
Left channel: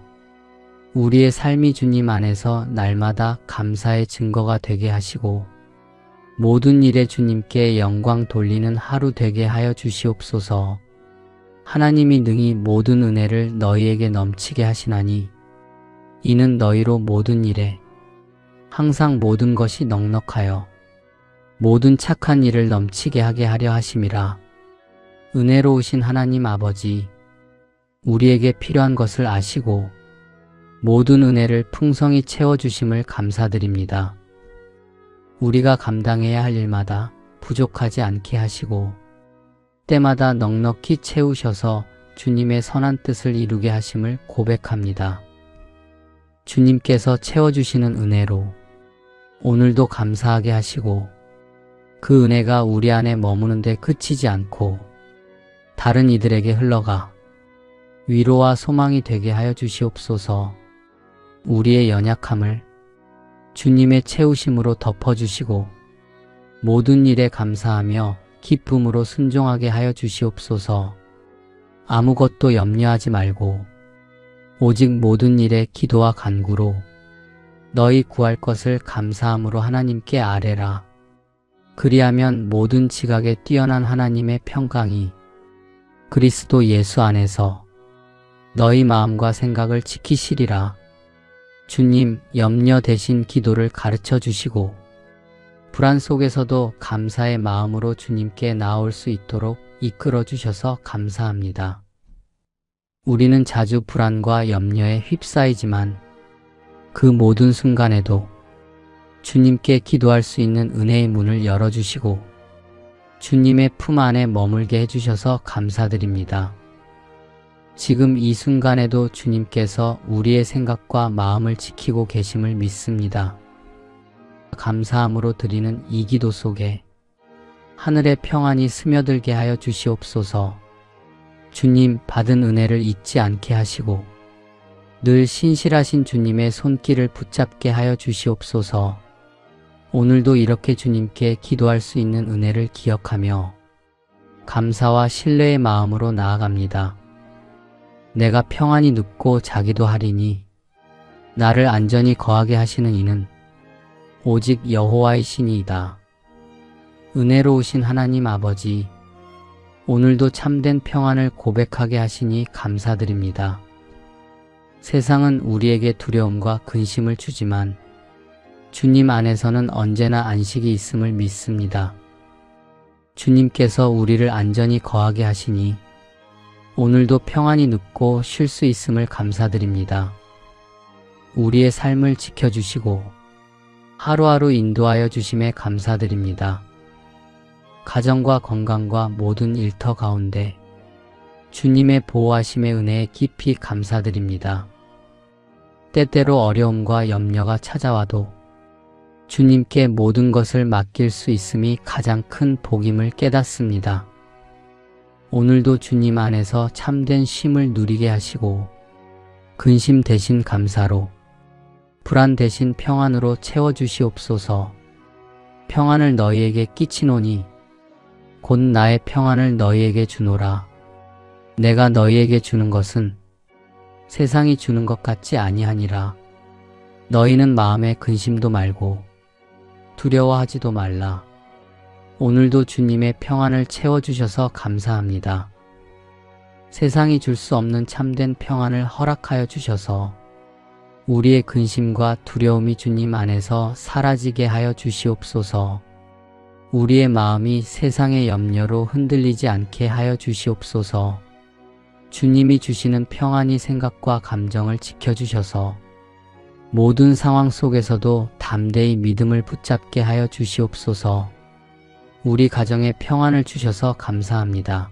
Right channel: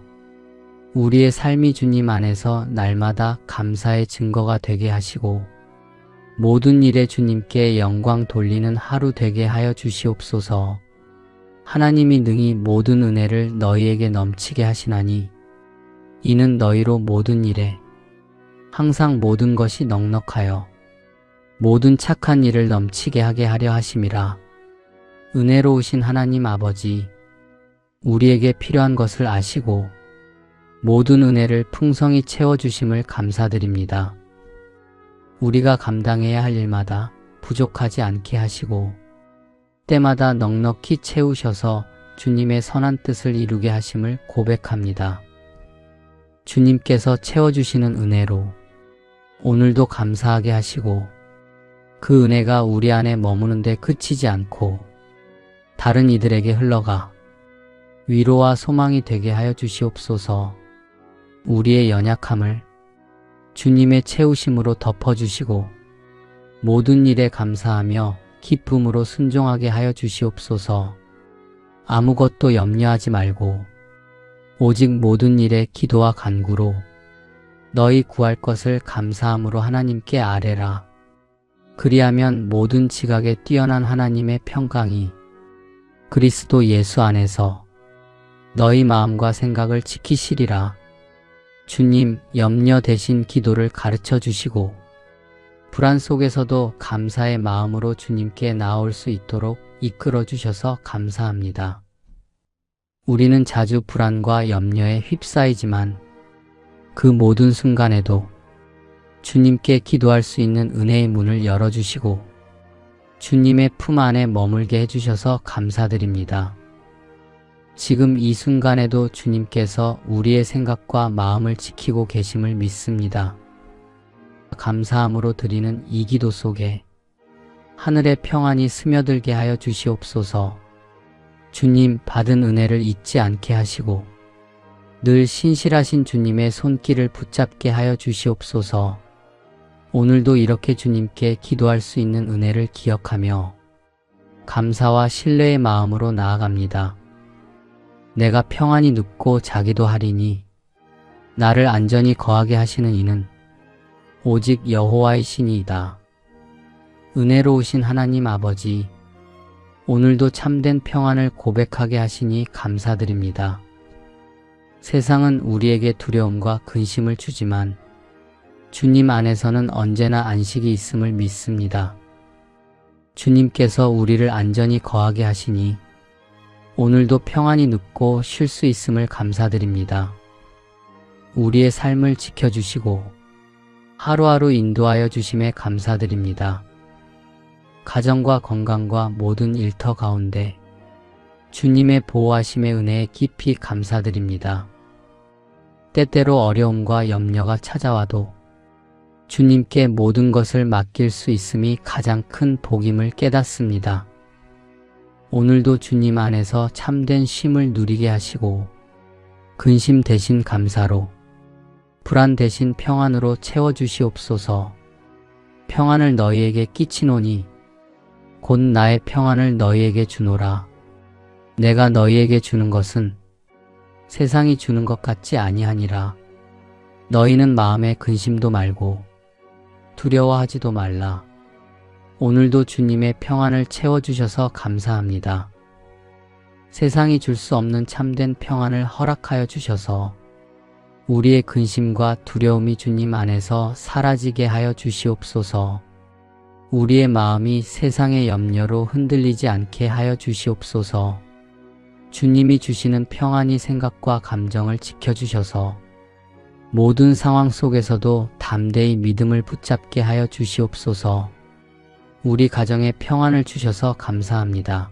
우리의 삶이 주님 안에서 날마다 감사의 증거가 되게 하시고 모든 일에 주님께 영광 돌리는 하루 되게 하여 주시옵소서. 하나님이 능히 모든 은혜를 너희에게 넘치게 하시나니 이는 너희로 모든 일에 항상 모든 것이 넉넉하여 모든 착한 일을 넘치게 하게 하려 하심이라. 은혜로우신 하나님 아버지, 우리에게 필요한 것을 아시고 모든 은혜를 풍성히 채워주심을 감사드립니다. 우리가 감당해야 할 일마다 부족하지 않게 하시고 때마다 넉넉히 채우셔서 주님의 선한 뜻을 이루게 하심을 고백합니다. 주님께서 채워주시는 은혜로 오늘도 감사하게 하시고 그 은혜가 우리 안에 머무는 데 그치지 않고 다른 이들에게 흘러가 위로와 소망이 되게 하여 주시옵소서. 우리의 연약함을 주님의 채우심으로 덮어주시고 모든 일에 감사하며 기쁨으로 순종하게 하여 주시옵소서. 아무것도 염려하지 말고 오직 모든 일에 기도와 간구로 너희 구할 것을 감사함으로 하나님께 아뢰라. 그리하면 모든 지각에 뛰어난 하나님의 평강이 그리스도 예수 안에서 너희 마음과 생각을 지키시리라. 주님, 염려 대신 기도를 가르쳐 주시고 불안 속에서도 감사의 마음으로 주님께 나올 수 있도록 이끌어 주셔서 감사합니다. 우리는 자주 불안과 염려에 휩싸이지만 그 모든 순간에도 주님께 기도할 수 있는 은혜의 문을 열어주시고 주님의 품 안에 머물게 해주셔서 감사드립니다. 지금 이 순간에도 주님께서 우리의 생각과 마음을 지키고 계심을 믿습니다. 감사함으로 드리는 이 기도 속에 하늘의 평안이 스며들게 하여 주시옵소서. 주님 받은 은혜를 잊지 않게 하시고 늘 신실하신 주님의 손길을 붙잡게 하여 주시옵소서. 오늘도 이렇게 주님께 기도할 수 있는 은혜를 기억하며 감사와 신뢰의 마음으로 나아갑니다. 내가 평안히 눕고 자기도 하리니 나를 안전히 거하게 하시는 이는 오직 여호와의 신이이다. 은혜로우신 하나님 아버지, 오늘도 참된 평안을 고백하게 하시니 감사드립니다. 세상은 우리에게 두려움과 근심을 주지만 주님 안에서는 언제나 안식이 있음을 믿습니다. 주님께서 우리를 안전히 거하게 하시니 오늘도 평안히 눕고 쉴 수 있음을 감사드립니다. 우리의 삶을 지켜주시고 하루하루 인도하여 주심에 감사드립니다. 가정과 건강과 모든 일터 가운데 주님의 보호하심의 은혜에 깊이 감사드립니다. 때때로 어려움과 염려가 찾아와도 주님께 모든 것을 맡길 수 있음이 가장 큰 복임을 깨닫습니다. 오늘도 주님 안에서 참된 쉼을 누리게 하시고 근심 대신 감사로, 불안 대신 평안으로 채워주시옵소서. 평안을 너희에게 끼치노니 곧 나의 평안을 너희에게 주노라. 내가 너희에게 주는 것은 세상이 주는 것 같지 아니하니라. 너희는 마음에 근심도 말고 두려워하지도 말라. 오늘도 주님의 평안을 채워주셔서 감사합니다. 세상이 줄 수 없는 참된 평안을 허락하여 주셔서 우리의 근심과 두려움이 주님 안에서 사라지게 하여 주시옵소서. 우리의 마음이 세상의 염려로 흔들리지 않게 하여 주시옵소서. 주님이 주시는 평안이 생각과 감정을 지켜주셔서 모든 상황 속에서도 담대히 믿음을 붙잡게 하여 주시옵소서. 우리 가정에 평안을 주셔서 감사합니다.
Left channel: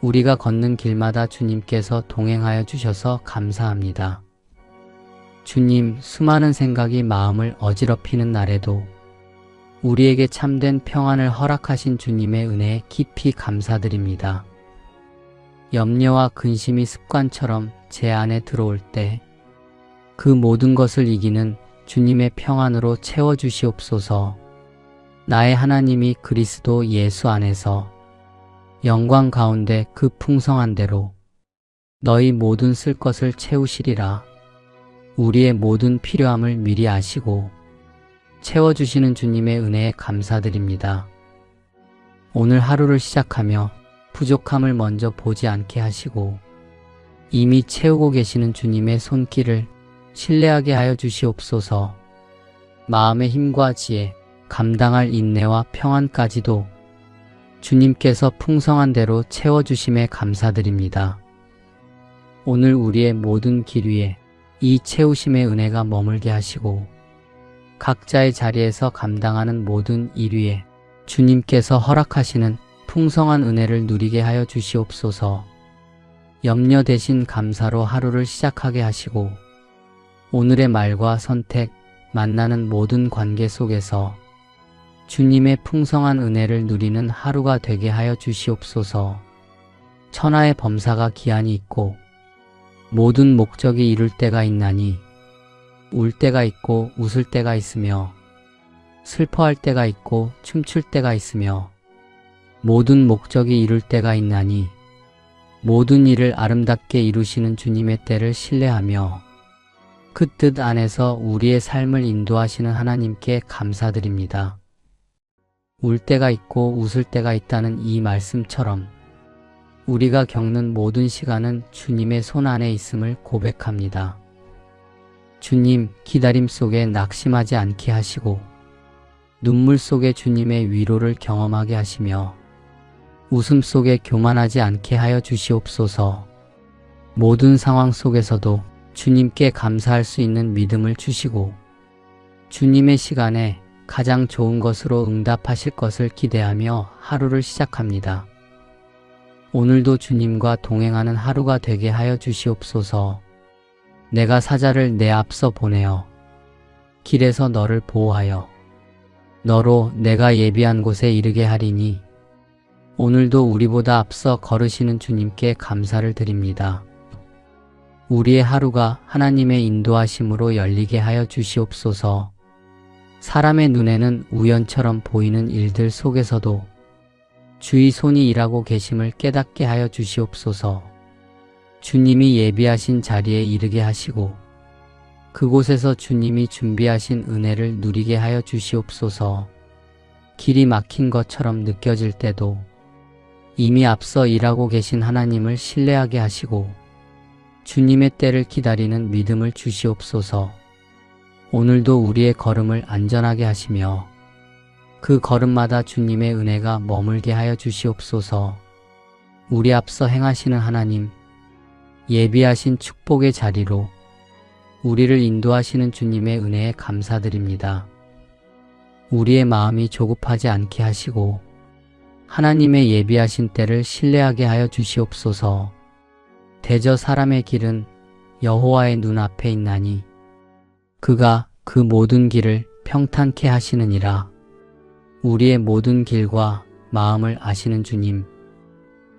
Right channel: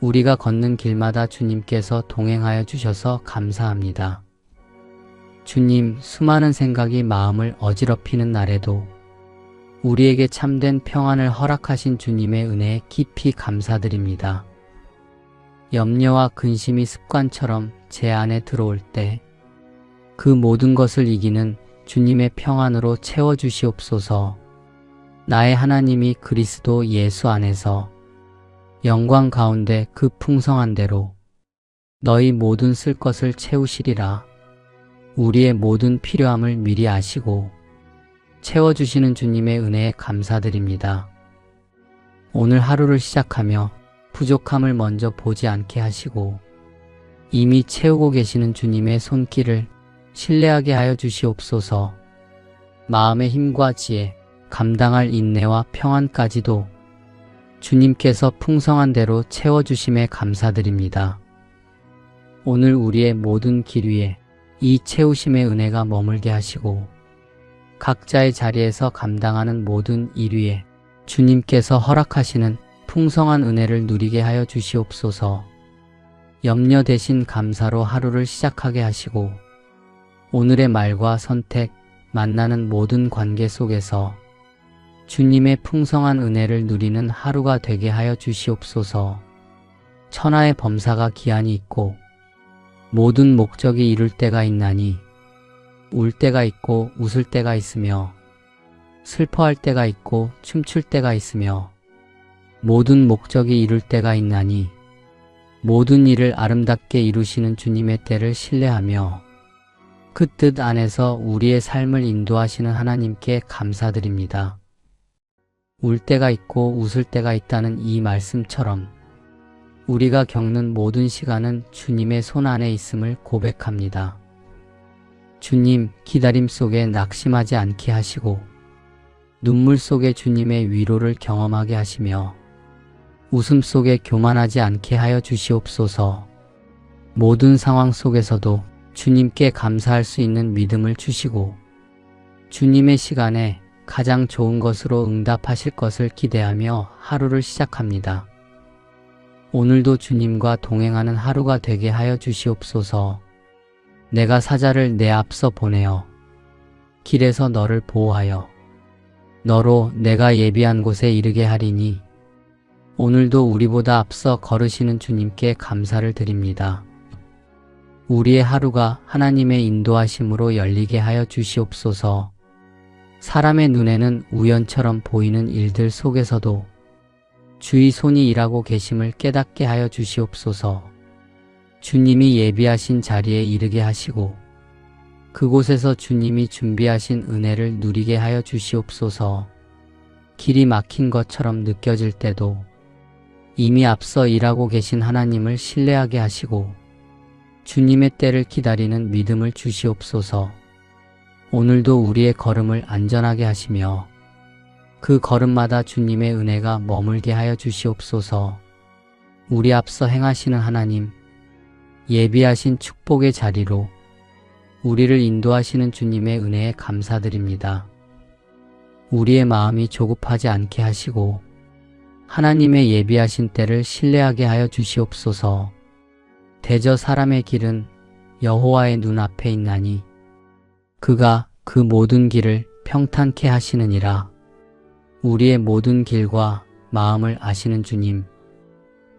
우리가 걷는 길마다 주님께서 동행하여 주셔서 감사합니다. 주님, 수많은 생각이 마음을 어지럽히는 날에도 우리에게 참된 평안을 허락하신 주님의 은혜에 깊이 감사드립니다. 염려와 근심이 습관처럼 제 안에 들어올 때 그 모든 것을 이기는 주님의 평안으로 채워주시옵소서. 나의 하나님이 그리스도 예수 안에서 영광 가운데 그 풍성한 대로 너희 모든 쓸 것을 채우시리라. 우리의 모든 필요함을 미리 아시고 채워주시는 주님의 은혜에 감사드립니다. 오늘 하루를 시작하며 부족함을 먼저 보지 않게 하시고 이미 채우고 계시는 주님의 손길을 신뢰하게 하여 주시옵소서. 마음의 힘과 지혜, 감당할 인내와 평안까지도 주님께서 풍성한 대로 채워주심에 감사드립니다. 오늘 우리의 모든 길 위에 이 채우심의 은혜가 머물게 하시고 각자의 자리에서 감당하는 모든 일 위에 주님께서 허락하시는 풍성한 은혜를 누리게 하여 주시옵소서. 염려 대신 감사로 하루를 시작하게 하시고 오늘의 말과 선택, 만나는 모든 관계 속에서 주님의 풍성한 은혜를 누리는 하루가 되게 하여 주시옵소서. 천하의 범사가 기한이 있고 모든 목적이 이룰 때가 있나니 울 때가 있고 웃을 때가 있으며 슬퍼할 때가 있고 춤출 때가 있으며 모든 목적이 이룰 때가 있나니 모든 일을 아름답게 이루시는 주님의 때를 신뢰하며 그 뜻 안에서 우리의 삶을 인도하시는 하나님께 감사드립니다. 울 때가 있고 웃을 때가 있다는 이 말씀처럼 우리가 겪는 모든 시간은 주님의 손 안에 있음을 고백합니다. 주님, 기다림 속에 낙심하지 않게 하시고 눈물 속에 주님의 위로를 경험하게 하시며 웃음 속에 교만하지 않게 하여 주시옵소서. 모든 상황 속에서도 주님께 감사할 수 있는 믿음을 주시고 주님의 시간에 가장 좋은 것으로 응답하실 것을 기대하며 하루를 시작합니다. 오늘도 주님과 동행하는 하루가 되게 하여 주시옵소서. 내가 사자를 내 앞서 보내어 길에서 너를 보호하여 너로 내가 예비한 곳에 이르게 하리니 오늘도 우리보다 앞서 걸으시는 주님께 감사를 드립니다. 우리의 하루가 하나님의 인도하심으로 열리게 하여 주시옵소서. 사람의 눈에는 우연처럼 보이는 일들 속에서도 주의 손이 일하고 계심을 깨닫게 하여 주시옵소서. 주님이 예비하신 자리에 이르게 하시고 그곳에서 주님이 준비하신 은혜를 누리게 하여 주시옵소서. 길이 막힌 것처럼 느껴질 때도 이미 앞서 일하고 계신 하나님을 신뢰하게 하시고 주님의 때를 기다리는 믿음을 주시옵소서. 오늘도 우리의 걸음을 안전하게 하시며 그 걸음마다 주님의 은혜가 머물게 하여 주시옵소서. 우리 앞서 행하시는 하나님, 예비하신 축복의 자리로 우리를 인도하시는 주님의 은혜에 감사드립니다. 우리의 마음이 조급하지 않게 하시고 하나님의 예비하신 때를 신뢰하게 하여 주시옵소서. 대저 사람의 길은 여호와의 눈앞에 있나니 그가 그 모든 길을 평탄케 하시느니라. 우리의 모든 길과 마음을 아시는 주님,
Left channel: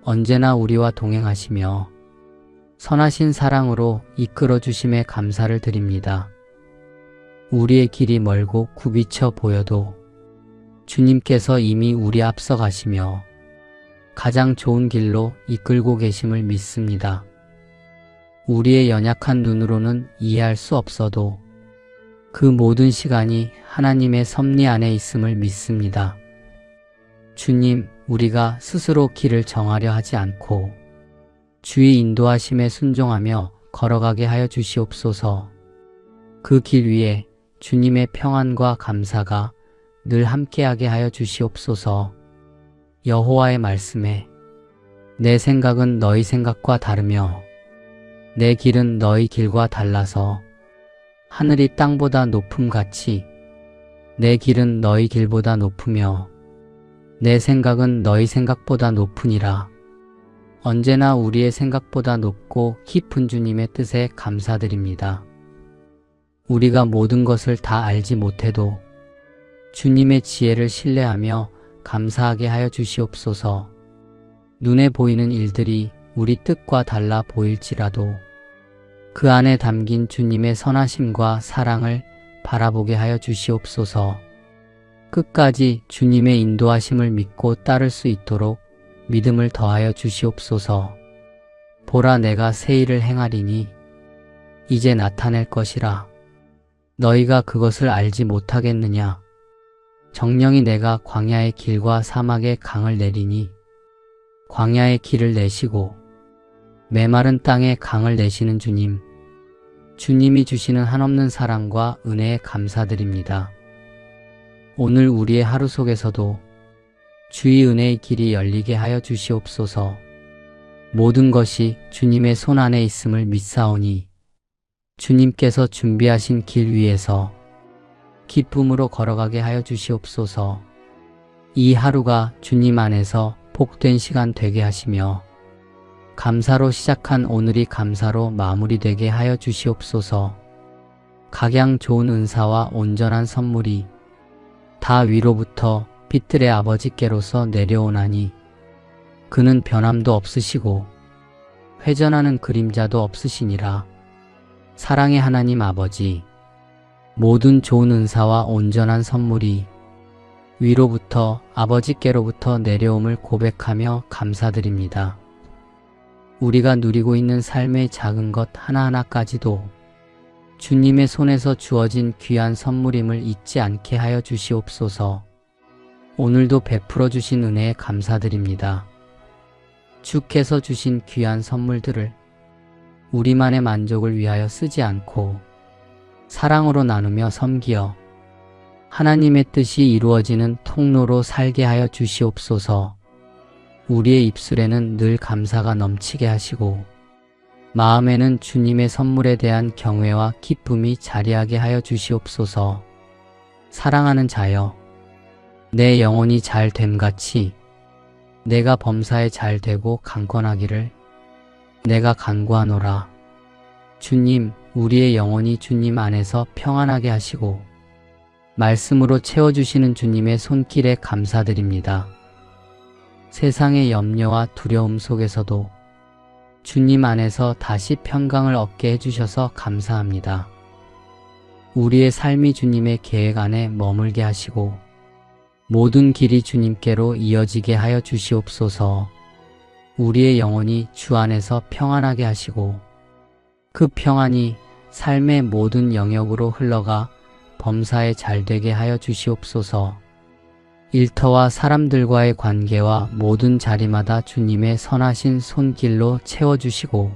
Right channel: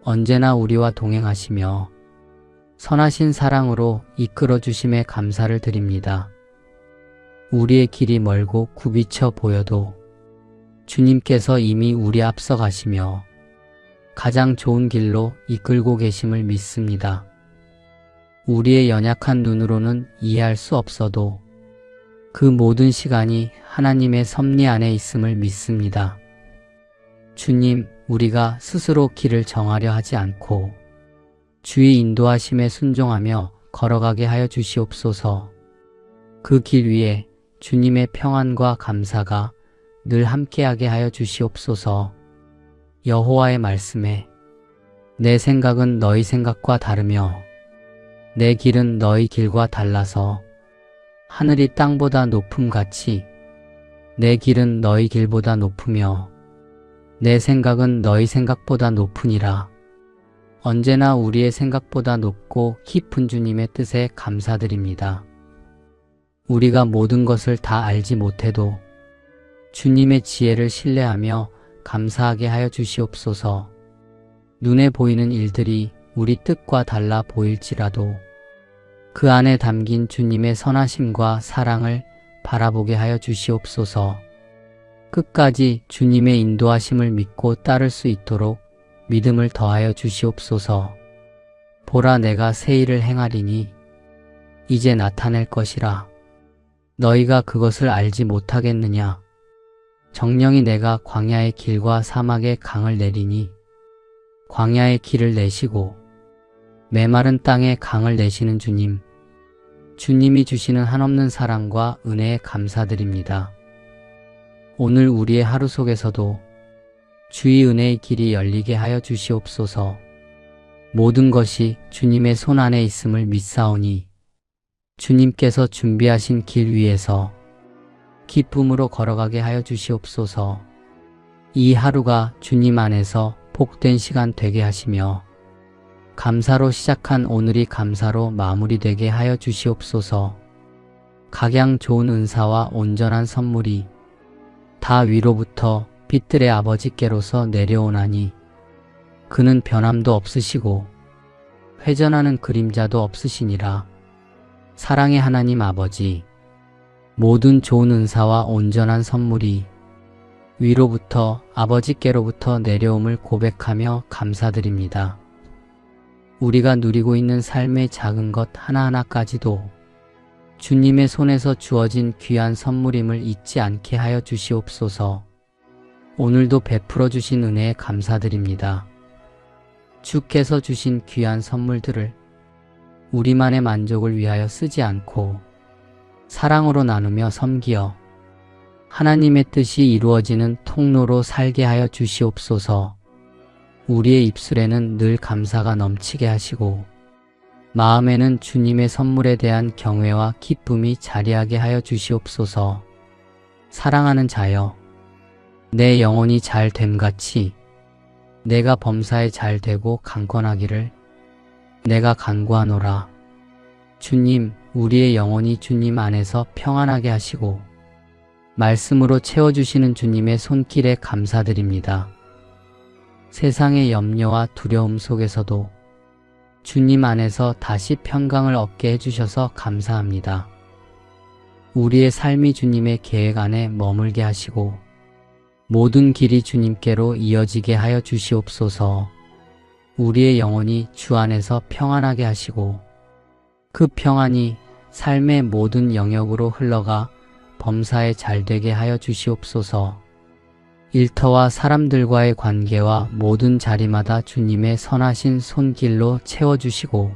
언제나 우리와 동행하시며 선하신 사랑으로 이끌어 주심에 감사를 드립니다. 우리의 길이 멀고 굽이쳐 보여도 주님께서 이미 우리 앞서 가시며 가장 좋은 길로 이끌고 계심을 믿습니다. 우리의 연약한 눈으로는 이해할 수 없어도 그 모든 시간이 하나님의 섭리 안에 있음을 믿습니다. 주님, 우리가 스스로 길을 정하려 하지 않고 주의 인도하심에 순종하며 걸어가게 하여 주시옵소서. 그 길 위에 주님의 평안과 감사가 늘 함께하게 하여 주시옵소서. 여호와의 말씀에 내 생각은 너희 생각과 다르며 내 길은 너희 길과 달라서 하늘이 땅보다 높음같이 내 길은 너희 길보다 높으며 내 생각은 너희 생각보다 높으니라. 언제나 우리의 생각보다 높고 깊은 주님의 뜻에 감사드립니다. 우리가 모든 것을 다 알지 못해도 주님의 지혜를 신뢰하며 감사하게 하여 주시옵소서. 눈에 보이는 일들이 우리 뜻과 달라 보일지라도 그 안에 담긴 주님의 선하심과 사랑을 바라보게 하여 주시옵소서. 끝까지 주님의 인도하심을 믿고 따를 수 있도록 믿음을 더하여 주시옵소서. 보라, 내가 새 일을 행하리니 이제 나타낼 것이라. 너희가 그것을 알지 못하겠느냐? 정령이 내가 광야의 길과 사막의 강을 내리니 광야의 길을 내시고 메마른 땅에 강을 내시는 주님, 주님이 주시는 한없는 사랑과 은혜에 감사드립니다. 오늘 우리의 하루 속에서도 주의 은혜의 길이 열리게 하여 주시옵소서. 모든 것이 주님의 손 안에 있음을 믿사오니 주님께서 준비하신 길 위에서 기쁨으로 걸어가게 하여 주시옵소서. 이 하루가 주님 안에서 복된 시간 되게 하시며 감사로 시작한 오늘이 감사로 마무리되게 하여 주시옵소서. 각양 좋은 은사와 온전한 선물이 다 위로부터 빛들의 아버지께로서 내려오나니 그는 변함도 없으시고 회전하는 그림자도 없으시니라. 사랑의 하나님 아버지, 모든 좋은 은사와 온전한 선물이 위로부터 아버지께로부터 내려옴을 고백하며 감사드립니다. 우리가 누리고 있는 삶의 작은 것 하나하나까지도 주님의 손에서 주어진 귀한 선물임을 잊지 않게 하여 주시옵소서. 오늘도 베풀어 주신 은혜에 감사드립니다. 주께서 주신 귀한 선물들을 우리만의 만족을 위하여 쓰지 않고 사랑으로 나누며 섬기어 하나님의 뜻이 이루어지는 통로로 살게 하여 주시옵소서. 우리의 입술에는 늘 감사가 넘치게 하시고 마음에는 주님의 선물에 대한 경외와 기쁨이 자리하게 하여 주시옵소서. 사랑하는 자여, 내 영혼이 잘 됨같이 내가 범사에 잘 되고 강건하기를 내가 간구하노라. 주님, 우리의 영혼이 주님 안에서 평안하게 하시고 말씀으로 채워주시는 주님의 손길에 감사드립니다. 세상의 염려와 두려움 속에서도 주님 안에서 다시 평강을 얻게 해주셔서 감사합니다. 우리의 삶이 주님의 계획 안에 머물게 하시고 모든 길이 주님께로 이어지게 하여 주시옵소서. 우리의 영혼이 주 안에서 평안하게 하시고 그 평안이 삶의 모든 영역으로 흘러가 범사에 잘되게 하여 주시옵소서. 일터와 사람들과의 관계와 모든 자리마다 주님의 선하신 손길로 채워주시고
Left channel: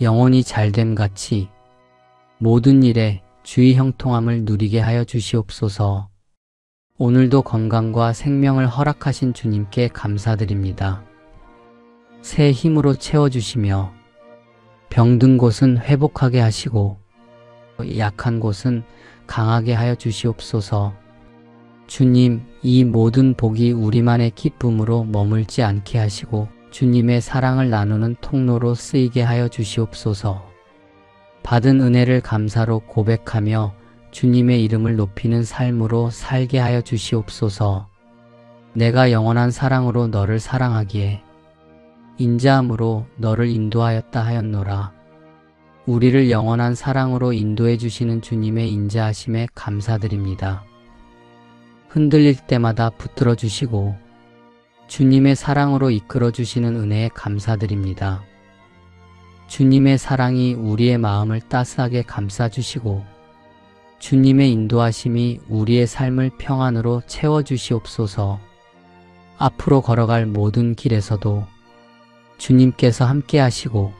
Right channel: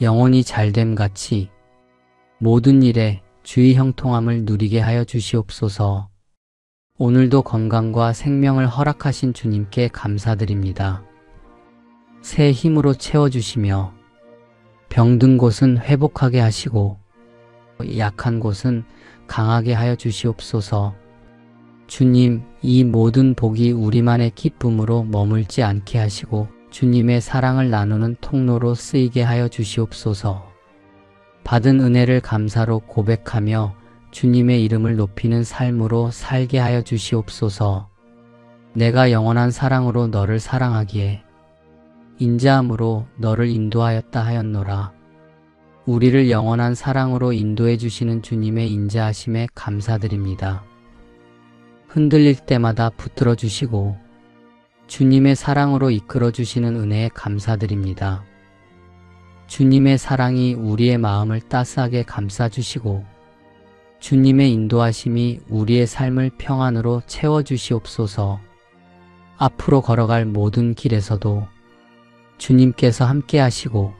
영혼이 잘됨같이 모든 일에 주의 형통함을 누리게 하여 주시옵소서. 오늘도 건강과 생명을 허락하신 주님께 감사드립니다. 새 힘으로 채워주시며 병든 곳은 회복하게 하시고 약한 곳은 강하게 하여 주시옵소서. 주님, 이 모든 복이 우리만의 기쁨으로 머물지 않게 하시고 주님의 사랑을 나누는 통로로 쓰이게 하여 주시옵소서. 받은 은혜를 감사로 고백하며 주님의 이름을 높이는 삶으로 살게 하여 주시옵소서. 내가 영원한 사랑으로 너를 사랑하기에 인자함으로 너를 인도하였다 하였노라. 우리를 영원한 사랑으로 인도해 주시는 주님의 인자하심에 감사드립니다. 흔들릴 때마다 붙들어 주시고 주님의 사랑으로 이끌어 주시는 은혜에 감사드립니다. 주님의 사랑이 우리의 마음을 따스하게 감싸주시고 주님의 인도하심이 우리의 삶을 평안으로 채워주시옵소서. 앞으로 걸어갈 모든 길에서도 주님께서 함께 하시고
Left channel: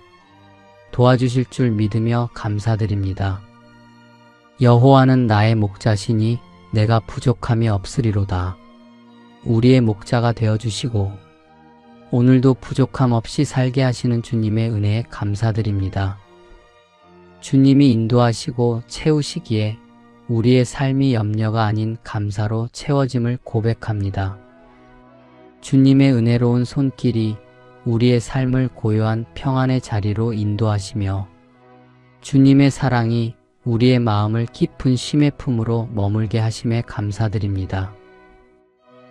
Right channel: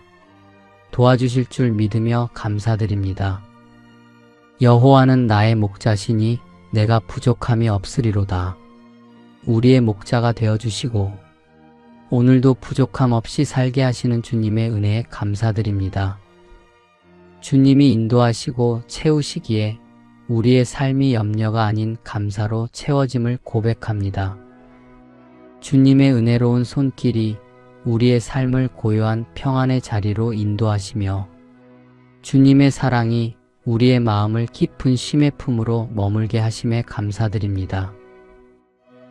도와주실 줄 믿으며 감사드립니다. 여호와는 나의 목자시니 내가 부족함이 없으리로다. 우리의 목자가 되어주시고 오늘도 부족함 없이 살게 하시는 주님의 은혜에 감사드립니다. 주님이 인도하시고 채우시기에 우리의 삶이 염려가 아닌 감사로 채워짐을 고백합니다. 주님의 은혜로운 손길이 우리의 삶을 고요한 평안의 자리로 인도하시며 주님의 사랑이 우리의 마음을 깊은 쉼의 품으로 머물게 하심에 감사드립니다.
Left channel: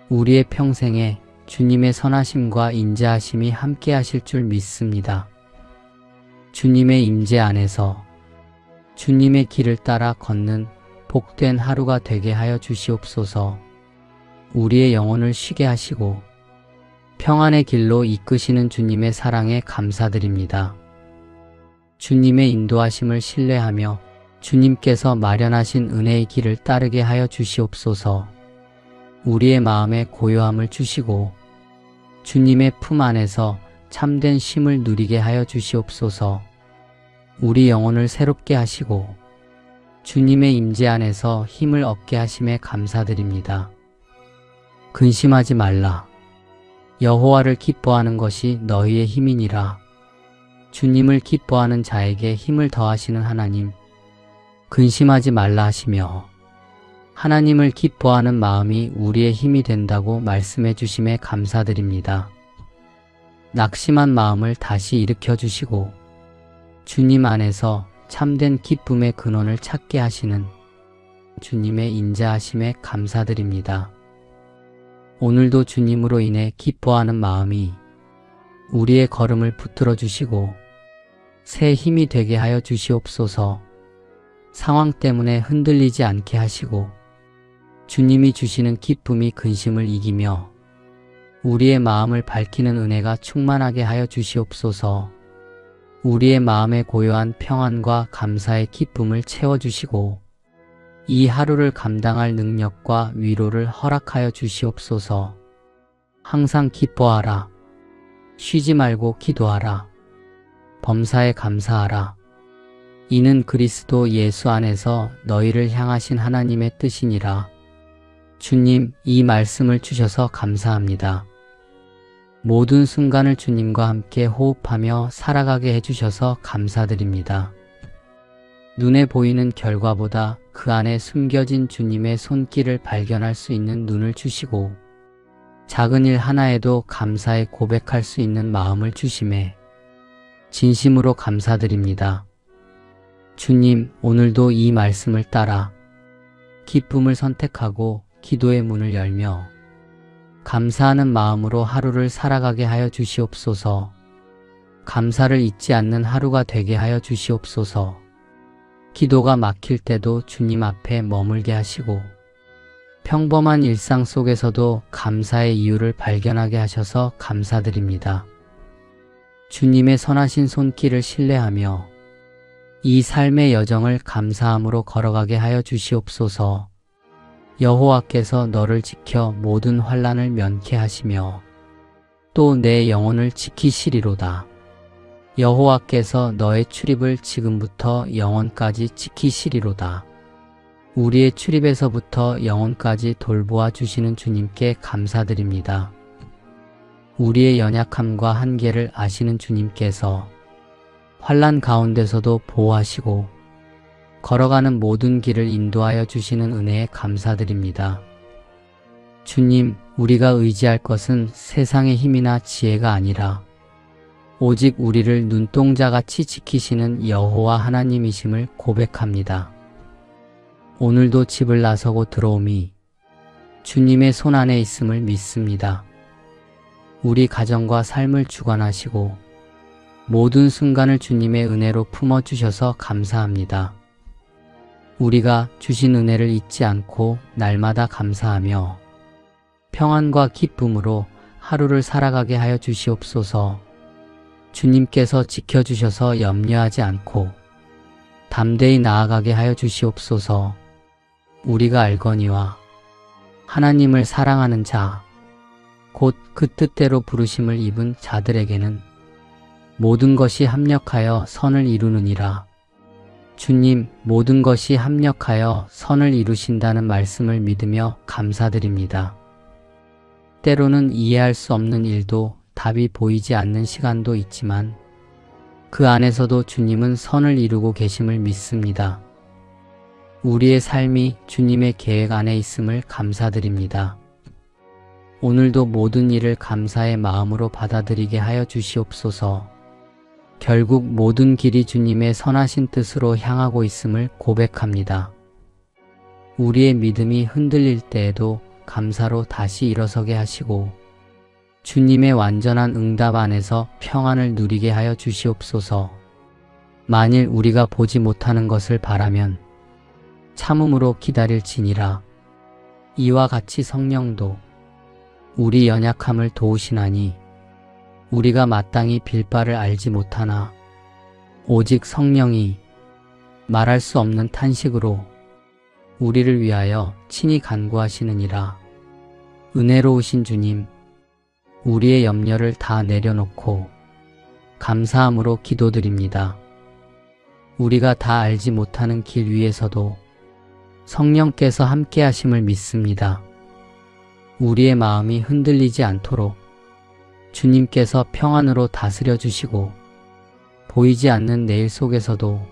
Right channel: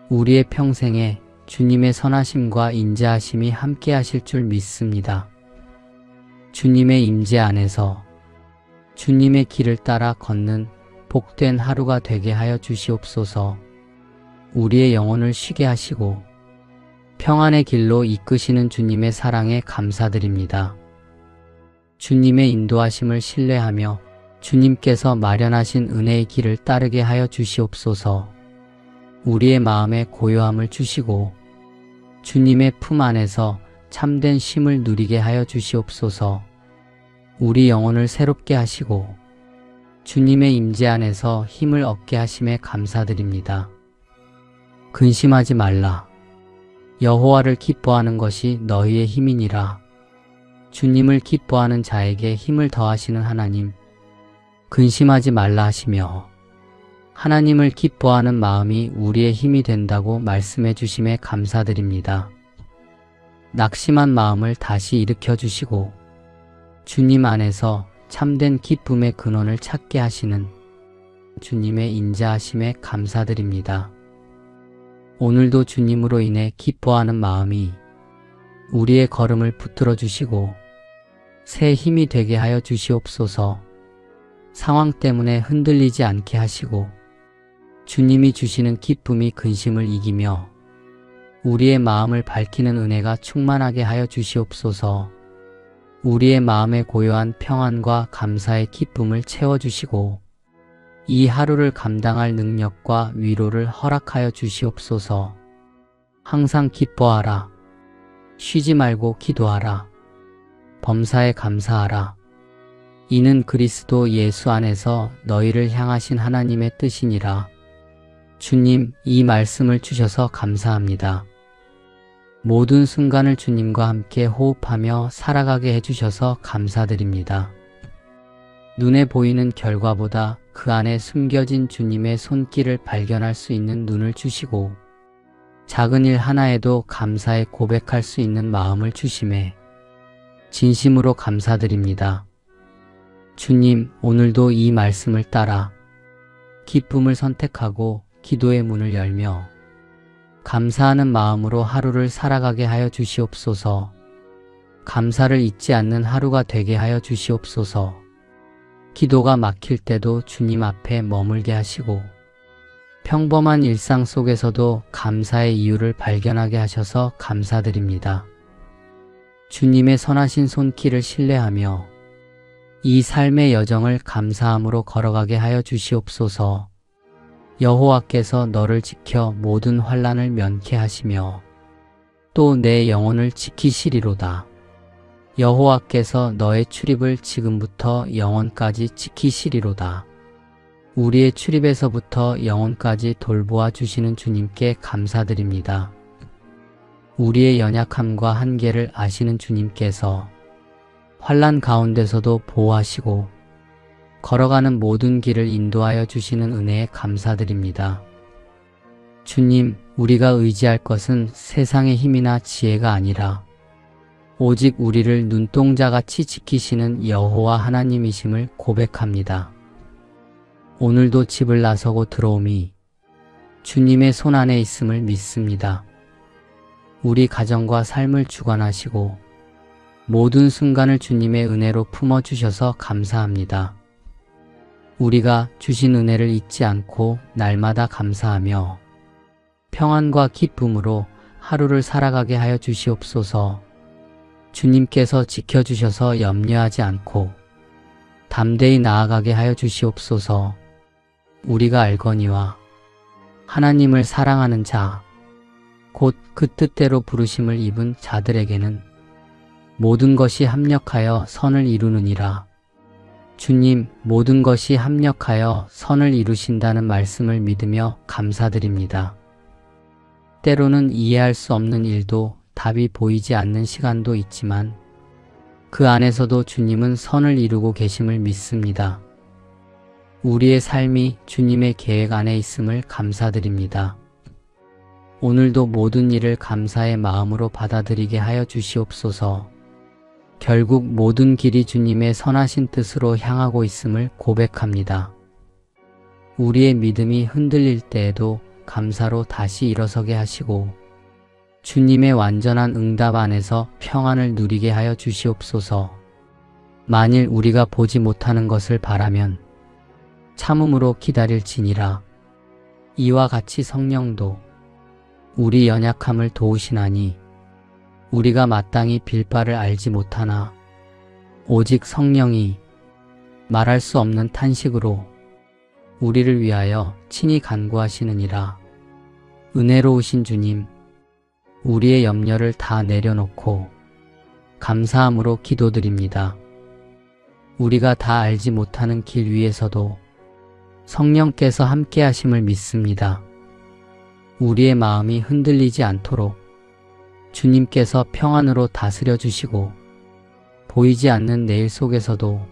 우리의 평생에 주님의 선하심과 인자하심이 함께 하실 줄 믿습니다. 주님의 임재 안에서 주님의 길을 따라 걷는 복된 하루가 되게 하여 주시옵소서. 우리의 영혼을 쉬게 하시고 평안의 길로 이끄시는 주님의 사랑에 감사드립니다. 주님의 인도하심을 신뢰하며 주님께서 마련하신 은혜의 길을 따르게 하여 주시옵소서. 우리의 마음에 고요함을 주시고 주님의 품 안에서 참된 쉼을 누리게 하여 주시옵소서. 우리 영혼을 새롭게 하시고 주님의 임재 안에서 힘을 얻게 하심에 감사드립니다. 근심하지 말라. 여호와를 기뻐하는 것이 너희의 힘이니라. 주님을 기뻐하는 자에게 힘을 더하시는 하나님, 근심하지 말라 하시며 하나님을 기뻐하는 마음이 우리의 힘이 된다고 말씀해 주심에 감사드립니다. 낙심한 마음을 다시 일으켜 주시고 주님 안에서 참된 기쁨의 근원을 찾게 하시는 주님의 인자하심에 감사드립니다. 오늘도 주님으로 인해 기뻐하는 마음이 우리의 걸음을 붙들어 주시고 새 힘이 되게 하여 주시옵소서. 상황 때문에 흔들리지 않게 하시고 주님이 주시는 기쁨이 근심을 이기며 우리의 마음을 밝히는 은혜가 충만하게 하여 주시옵소서. 우리의 마음에 고요한 평안과 감사의 기쁨을 채워주시고 이 하루를 감당할 능력과 위로를 허락하여 주시옵소서. 항상 기뻐하라. 쉬지 말고 기도하라. 범사에 감사하라. 이는 그리스도 예수 안에서 너희를 향하신 하나님의 뜻이니라. 주님, 이 말씀을 주셔서 감사합니다. 모든 순간을 주님과 함께 호흡하며 살아가게 해주셔서 감사드립니다. 눈에 보이는 결과보다 그 안에 숨겨진 주님의 손길을 발견할 수 있는 눈을 주시고 작은 일 하나에도 감사에 고백할 수 있는 마음을 주심에 진심으로 감사드립니다. 주님, 오늘도 이 말씀을 따라 기쁨을 선택하고 기도의 문을 열며 감사하는 마음으로 하루를 살아가게 하여 주시옵소서. 감사를 잊지 않는 하루가 되게 하여 주시옵소서. 기도가 막힐 때도 주님 앞에 머물게 하시고 평범한 일상 속에서도 감사의 이유를 발견하게 하셔서 감사드립니다. 주님의 선하신 손길을 신뢰하며 이 삶의 여정을 감사함으로 걸어가게 하여 주시옵소서. 여호와께서 너를 지켜 모든 환난을 면케 하시며 또 내 영혼을 지키시리로다. 여호와께서 너의 출입을 지금부터 영원까지 지키시리로다. 우리의 출입에서부터 영원까지 돌보아 주시는 주님께 감사드립니다. 우리의 연약함과 한계를 아시는 주님께서 환난 가운데서도 보호하시고 걸어가는 모든 길을 인도하여 주시는 은혜에 감사드립니다. 주님, 우리가 의지할 것은 세상의 힘이나 지혜가 아니라 오직 우리를 눈동자같이 지키시는 여호와 하나님이심을 고백합니다. 오늘도 집을 나서고 들어오미 주님의 손안에 있음을 믿습니다. 우리 가정과 삶을 주관하시고 모든 순간을 주님의 은혜로 품어주셔서 감사합니다. 우리가 주신 은혜를 잊지 않고 날마다 감사하며 평안과 기쁨으로 하루를 살아가게 하여 주시옵소서. 주님께서 지켜주셔서 염려하지 않고 담대히 나아가게 하여 주시옵소서. 우리가 알거니와 하나님을 사랑하는 자, 곧 그 뜻대로 부르심을 입은 자들에게는 모든 것이 합력하여 선을 이루느니라. 주님, 모든 것이 합력하여 선을 이루신다는 말씀을 믿으며 감사드립니다. 때로는 이해할 수 없는 일도 답이 보이지 않는 시간도 있지만 그 안에서도 주님은 선을 이루고 계심을 믿습니다. 우리의 삶이 주님의 계획 안에 있음을 감사드립니다. 오늘도 모든 일을 감사의 마음으로 받아들이게 하여 주시옵소서. 결국 모든 길이 주님의 선하신 뜻으로 향하고 있음을 고백합니다. 우리의 믿음이 흔들릴 때에도 감사로 다시 일어서게 하시고 주님의 완전한 응답 안에서 평안을 누리게 하여 주시옵소서. 만일 우리가 보지 못하는 것을 바라면 참음으로 기다릴지니라. 이와 같이 성령도 우리 연약함을 도우시나니 우리가 마땅히 빌 바를 알지 못하나 오직 성령이 말할 수 없는 탄식으로 우리를 위하여 친히 간구하시느니라. 은혜로우신 주님, 우리의 염려를 다 내려놓고 감사함으로 기도드립니다. 우리가 다 알지 못하는 길 위에서도 성령께서 함께 하심을 믿습니다. 우리의 마음이 흔들리지 않도록 주님께서 평안으로 다스려 주시고 보이지 않는 내일 속에서도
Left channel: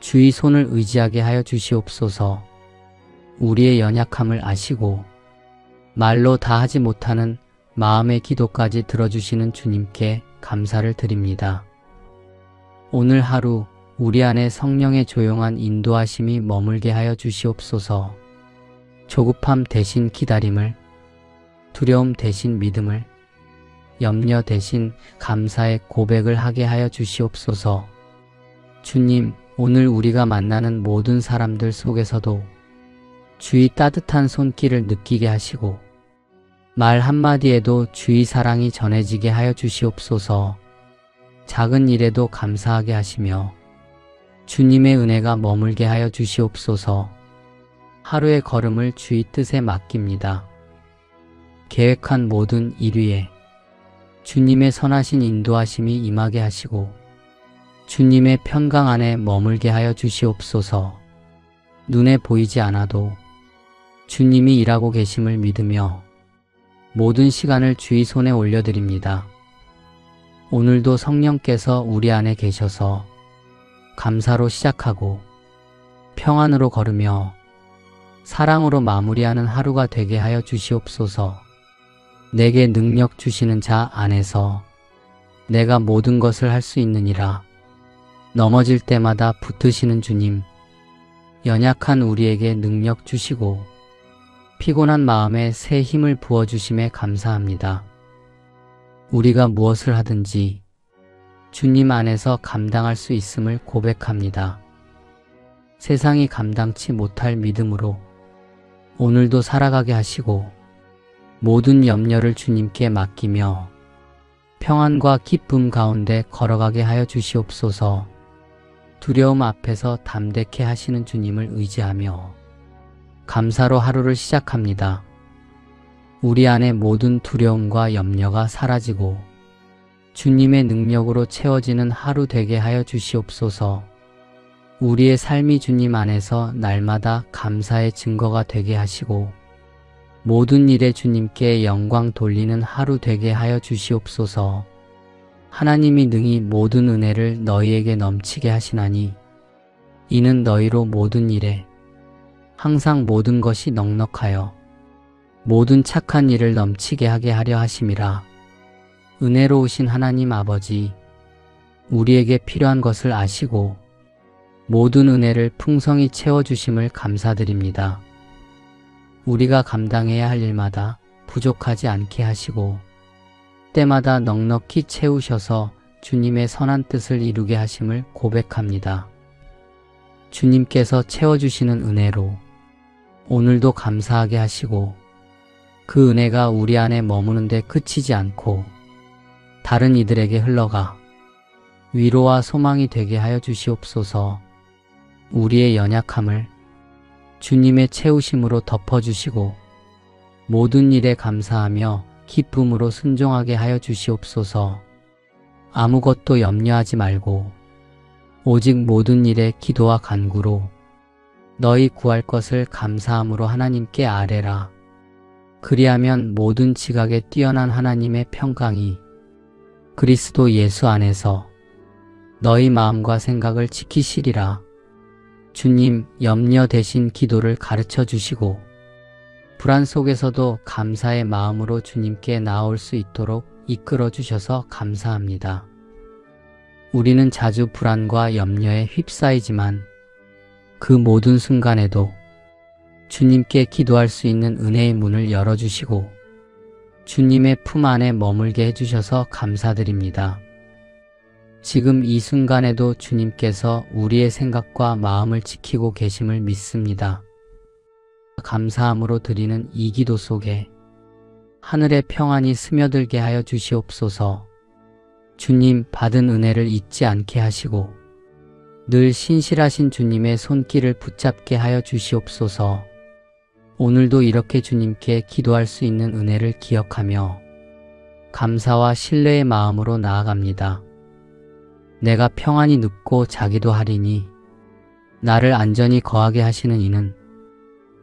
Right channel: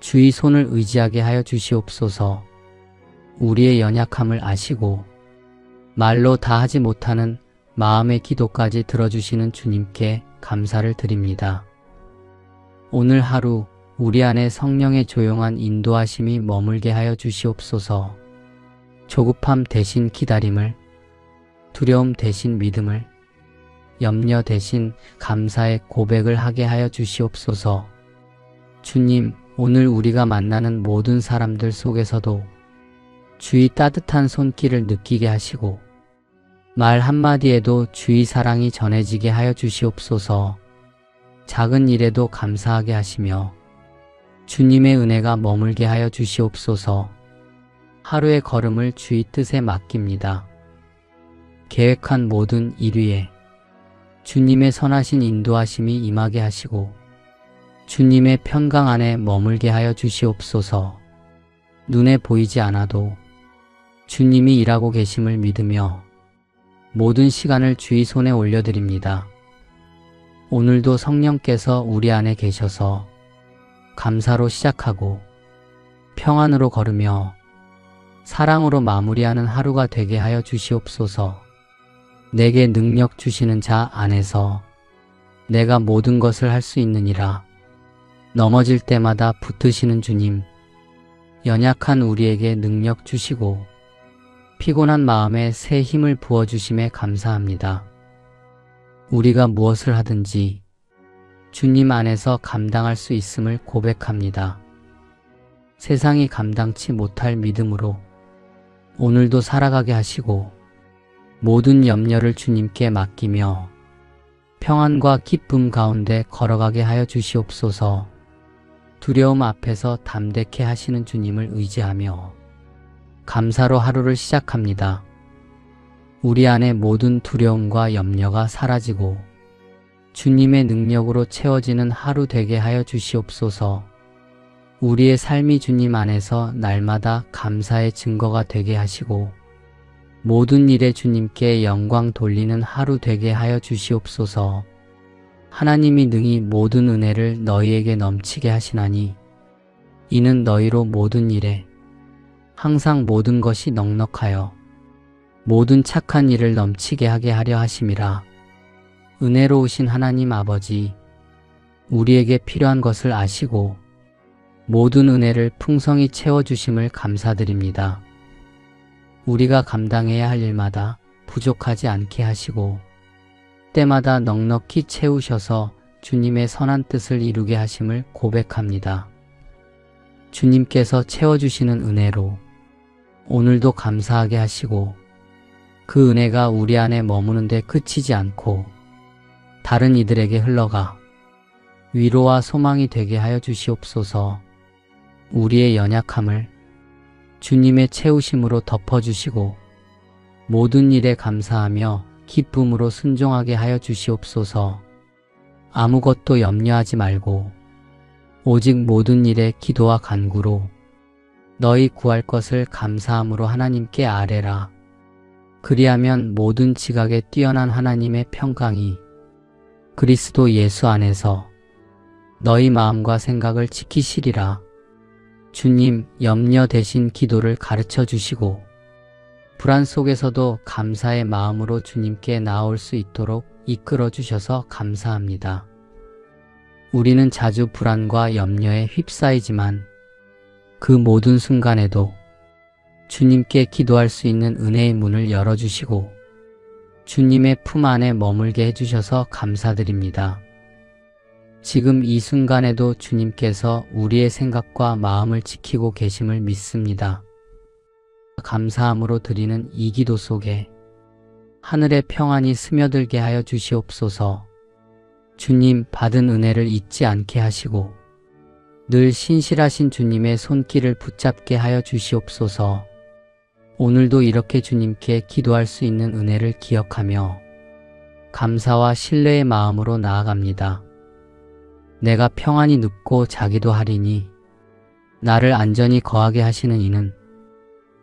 주의 손을 의지하게 하여 주시옵소서. 우리의 연약함을 아시고 말로 다 하지 못하는 마음의 기도까지 들어주시는 주님께 감사를 드립니다. 오늘 하루 우리 안에 성령의 조용한 인도하심이 머물게 하여 주시옵소서. 조급함 대신 기다림을, 두려움 대신 믿음을, 염려 대신 감사의 고백을 하게 하여 주시옵소서. 주님, 오늘 우리가 만나는 모든 사람들 속에서도 주의 따뜻한 손길을 느끼게 하시고 말 한마디에도 주의 사랑이 전해지게 하여 주시옵소서. 작은 일에도 감사하게 하시며 주님의 은혜가 머물게 하여 주시옵소서. 하루의 걸음을 주의 뜻에 맡깁니다. 계획한 모든 일 위에 주님의 선하신 인도하심이 임하게 하시고 주님의 평강 안에 머물게 하여 주시옵소서. 눈에 보이지 않아도 주님이 일하고 계심을 믿으며 모든 시간을 주의 손에 올려드립니다. 오늘도 성령께서 우리 안에 계셔서 감사로 시작하고 평안으로 걸으며 사랑으로 마무리하는 하루가 되게 하여 주시옵소서. 내게 능력 주시는 자 안에서 내가 모든 것을 할 수 있느니라. 넘어질 때마다 붙드시는 주님, 연약한 우리에게 능력 주시고 피곤한 마음에 새 힘을 부어주심에 감사합니다. 우리가 무엇을 하든지 주님 안에서 감당할 수 있음을 고백합니다. 세상이 감당치 못할 믿음으로 오늘도 살아가게 하시고 모든 염려를 주님께 맡기며 평안과 기쁨 가운데 걸어가게 하여 주시옵소서. 두려움 앞에서 담대케 하시는 주님을 의지하며 감사로 하루를 시작합니다. 우리 안에 모든 두려움과 염려가 사라지고 주님의 능력으로 채워지는 하루 되게 하여 주시옵소서. 우리의 삶이 주님 안에서 날마다 감사의 증거가 되게 하시고 모든 일에 주님께 영광 돌리는 하루 되게 하여 주시옵소서. 하나님이 능히 모든 은혜를 너희에게 넘치게 하시나니 이는 너희로 모든 일에 항상 모든 것이 넉넉하여 모든 착한 일을 넘치게 하게 하려 하심이라. 은혜로우신 하나님 아버지, 우리에게 필요한 것을 아시고 모든 은혜를 풍성히 채워주심을 감사드립니다. 우리가 감당해야 할 일마다 부족하지 않게 하시고 때마다 넉넉히 채우셔서 주님의 선한 뜻을 이루게 하심을 고백합니다. 주님께서 채워주시는 은혜로 오늘도 감사하게 하시고 그 은혜가 우리 안에 머무는 데 그치지 않고 다른 이들에게 흘러가 위로와 소망이 되게 하여 주시옵소서. 우리의 연약함을 주님의 채우심으로 덮어주시고 모든 일에 감사하며 기쁨으로 순종하게 하여 주시옵소서. 아무것도 염려하지 말고 오직 모든 일에 기도와 간구로 너희 구할 것을 감사함으로 하나님께 아뢰라. 그리하면 모든 지각에 뛰어난 하나님의 평강이 그리스도 예수 안에서 너희 마음과 생각을 지키시리라. 주님, 염려 대신 기도를 가르쳐 주시고 불안 속에서도 감사의 마음으로 주님께 나올 수 있도록 이끌어 주셔서 감사합니다. 우리는 자주 불안과 염려에 휩싸이지만 그 모든 순간에도 주님께 기도할 수 있는 은혜의 문을 열어주시고 주님의 품 안에 머물게 해주셔서 감사드립니다. 지금 이 순간에도 주님께서 우리의 생각과 마음을 지키고 계심을 믿습니다. 감사함으로 드리는 이 기도 속에 하늘의 평안이 스며들게 하여 주시옵소서. 주님, 받은 은혜를 잊지 않게 하시고 늘 신실하신 주님의 손길을 붙잡게 하여 주시옵소서. 오늘도 이렇게 주님께 기도할 수 있는 은혜를 기억하며 감사와 신뢰의 마음으로 나아갑니다. 내가 평안히 눕고 자기도 하리니 나를 안전히 거하게 하시는 이는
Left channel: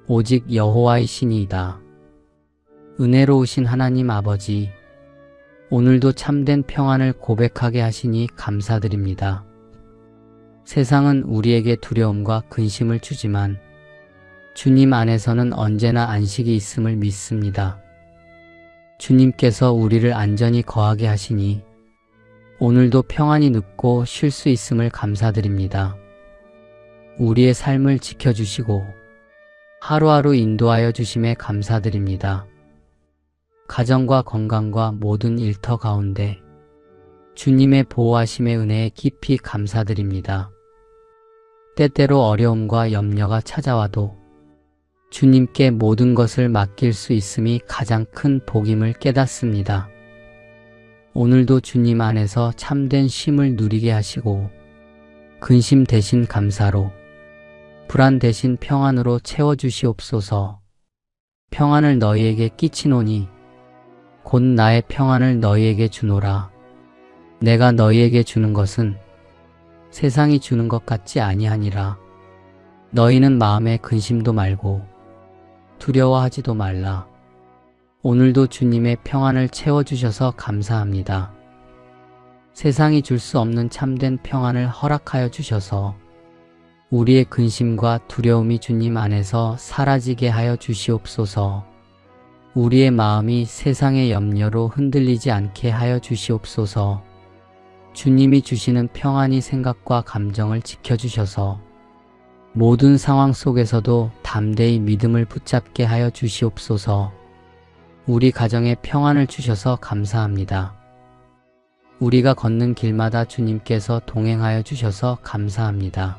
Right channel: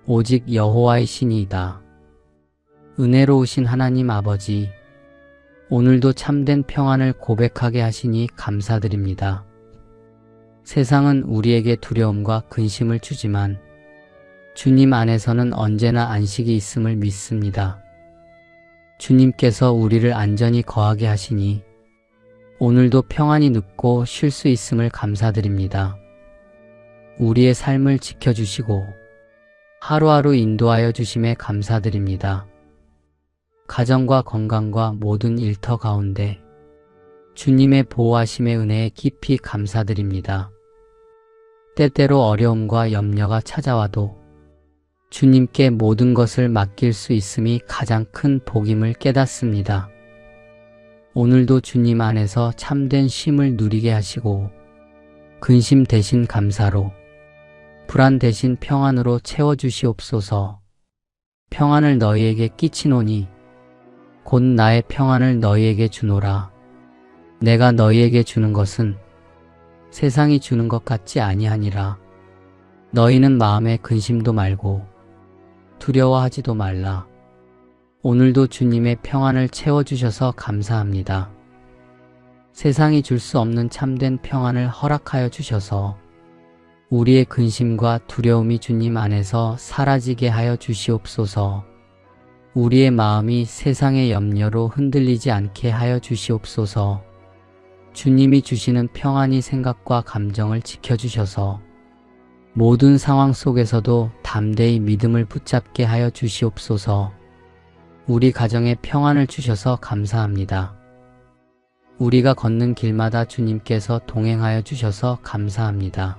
오직 여호와이시니이다. 은혜로우신 하나님 아버지, 오늘도 참된 평안을 고백하게 하시니 감사드립니다. 세상은 우리에게 두려움과 근심을 주지만 주님 안에서는 언제나 안식이 있음을 믿습니다. 주님께서 우리를 안전히 거하게 하시니 오늘도 평안히 눕고 쉴 수 있음을 감사드립니다. 우리의 삶을 지켜주시고 하루하루 인도하여 주심에 감사드립니다. 가정과 건강과 모든 일터 가운데 주님의 보호하심의 은혜에 깊이 감사드립니다. 때때로 어려움과 염려가 찾아와도 주님께 모든 것을 맡길 수 있음이 가장 큰 복임을 깨닫습니다. 오늘도 주님 안에서 참된 쉼을 누리게 하시고 근심 대신 감사로 불안 대신 평안으로 채워주시옵소서. 평안을 너희에게 끼치노니 곧 나의 평안을 너희에게 주노라. 내가 너희에게 주는 것은 세상이 주는 것 같지 아니하니라. 너희는 마음에 근심도 말고 두려워하지도 말라. 오늘도 주님의 평안을 채워주셔서 감사합니다. 세상이 줄 수 없는 참된 평안을 허락하여 주셔서 우리의 근심과 두려움이 주님 안에서 사라지게 하여 주시옵소서. 우리의 마음이 세상의 염려로 흔들리지 않게 하여 주시옵소서. 주님이 주시는 평안이 생각과 감정을 지켜주셔서 모든 상황 속에서도 담대히 믿음을 붙잡게 하여 주시옵소서. 우리 가정에 평안을 주셔서 감사합니다. 우리가 걷는 길마다 주님께서 동행하여 주셔서 감사합니다.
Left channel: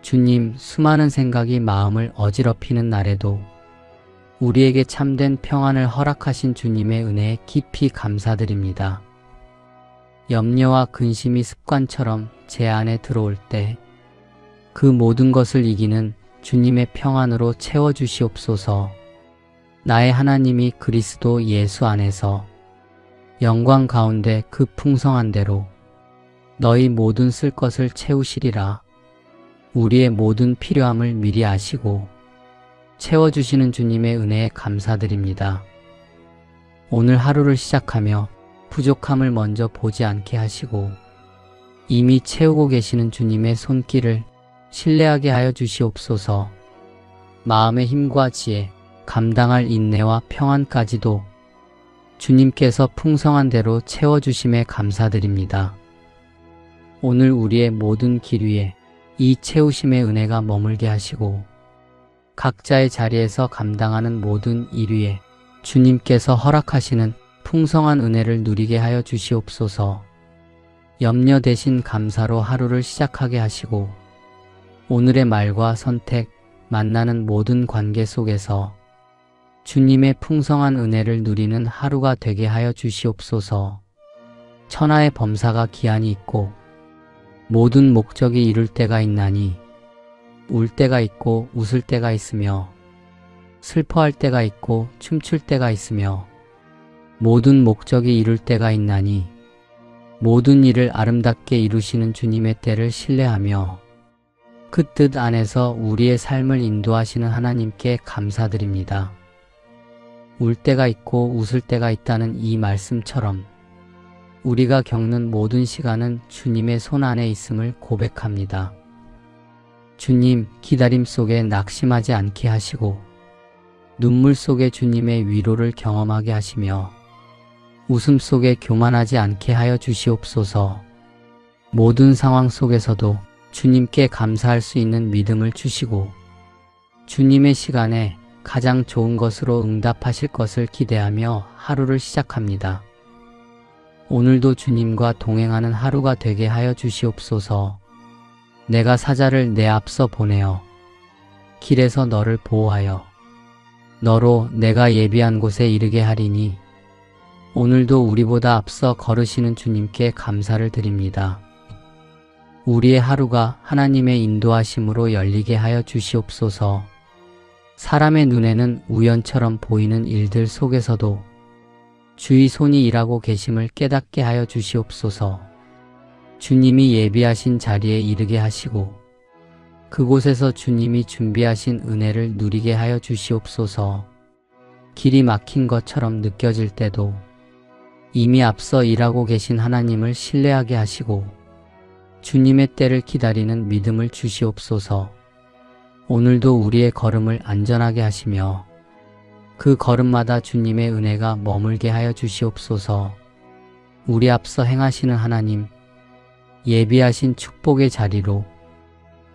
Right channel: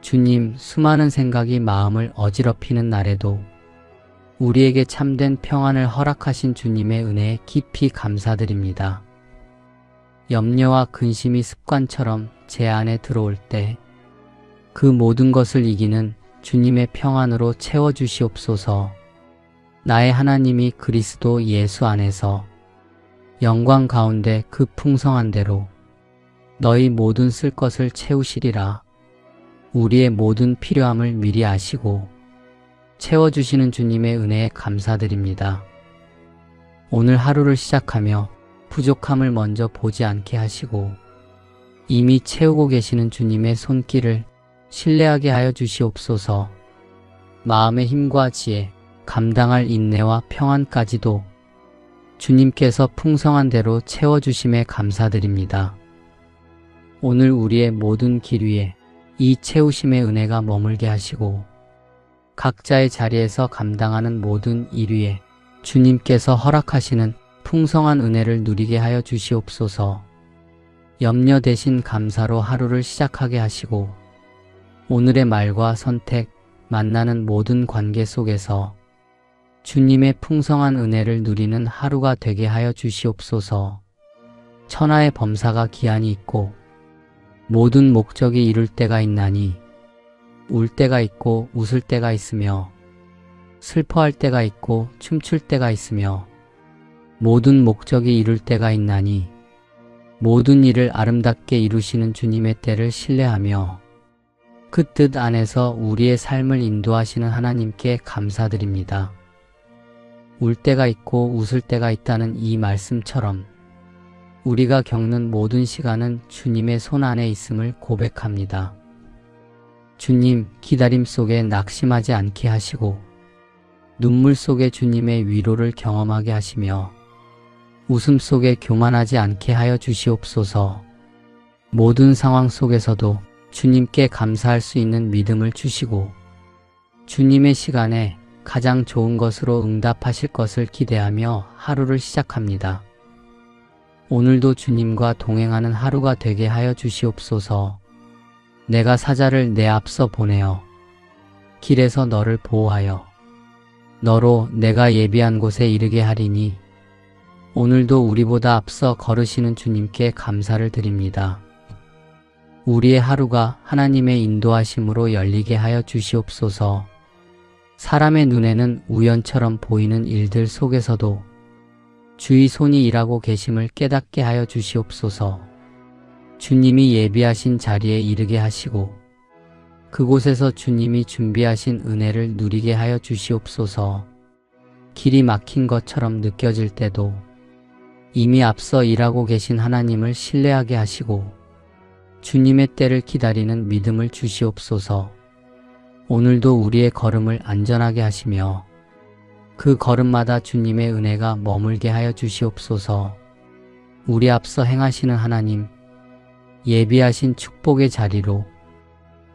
주님, 수많은 생각이 마음을 어지럽히는 날에도 우리에게 참된 평안을 허락하신 주님의 은혜에 깊이 감사드립니다. 염려와 근심이 습관처럼 제 안에 들어올 때 그 모든 것을 이기는 주님의 평안으로 채워주시옵소서. 나의 하나님이 그리스도 예수 안에서 영광 가운데 그 풍성한 대로 너희 모든 쓸 것을 채우시리라. 우리의 모든 필요함을 미리 아시고 채워주시는 주님의 은혜에 감사드립니다. 오늘 하루를 시작하며 부족함을 먼저 보지 않게 하시고 이미 채우고 계시는 주님의 손길을 신뢰하게 하여 주시옵소서. 마음의 힘과 지혜, 감당할 인내와 평안까지도 주님께서 풍성한 대로 채워주심에 감사드립니다. 오늘 우리의 모든 길 위에 이 채우심의 은혜가 머물게 하시고 각자의 자리에서 감당하는 모든 일 위에 주님께서 허락하시는 풍성한 은혜를 누리게 하여 주시옵소서. 염려 대신 감사로 하루를 시작하게 하시고 오늘의 말과 선택, 만나는 모든 관계 속에서 주님의 풍성한 은혜를 누리는 하루가 되게 하여 주시옵소서. 천하의 범사가 기한이 있고 모든 목적이 이룰 때가 있나니 울 때가 있고 웃을 때가 있으며 슬퍼할 때가 있고 춤출 때가 있으며 모든 목적이 이룰 때가 있나니 모든 일을 아름답게 이루시는 주님의 때를 신뢰하며 그 뜻 안에서 우리의 삶을 인도하시는 하나님께 감사드립니다. 울 때가 있고 웃을 때가 있다는 이 말씀처럼 우리가 겪는 모든 시간은 주님의 손 안에 있음을 고백합니다. 주님, 기다림 속에 낙심하지 않게 하시고 눈물 속에 주님의 위로를 경험하게 하시며 웃음 속에 교만하지 않게 하여 주시옵소서. 모든 상황 속에서도 주님께 감사할 수 있는 믿음을 주시고 주님의 시간에 가장 좋은 것으로 응답하실 것을 기대하며 하루를 시작합니다. 오늘도 주님과 동행하는 하루가 되게 하여 주시옵소서. 내가 사자를 내 앞서 보내어 길에서 너를 보호하여 너로 내가 예비한 곳에 이르게 하리니 오늘도 우리보다 앞서 걸으시는 주님께 감사를 드립니다. 우리의 하루가 하나님의 인도하심으로 열리게 하여 주시옵소서. 사람의 눈에는 우연처럼 보이는 일들 속에서도 주의 손이 일하고 계심을 깨닫게 하여 주시옵소서. 주님이 예비하신 자리에 이르게 하시고 그곳에서 주님이 준비하신 은혜를 누리게 하여 주시옵소서. 길이 막힌 것처럼 느껴질 때도 이미 앞서 일하고 계신 하나님을 신뢰하게 하시고 주님의 때를 기다리는 믿음을 주시옵소서. 오늘도 우리의 걸음을 안전하게 하시며 그 걸음마다 주님의 은혜가 머물게 하여 주시옵소서. 우리 앞서 행하시는 하나님, 예비하신 축복의 자리로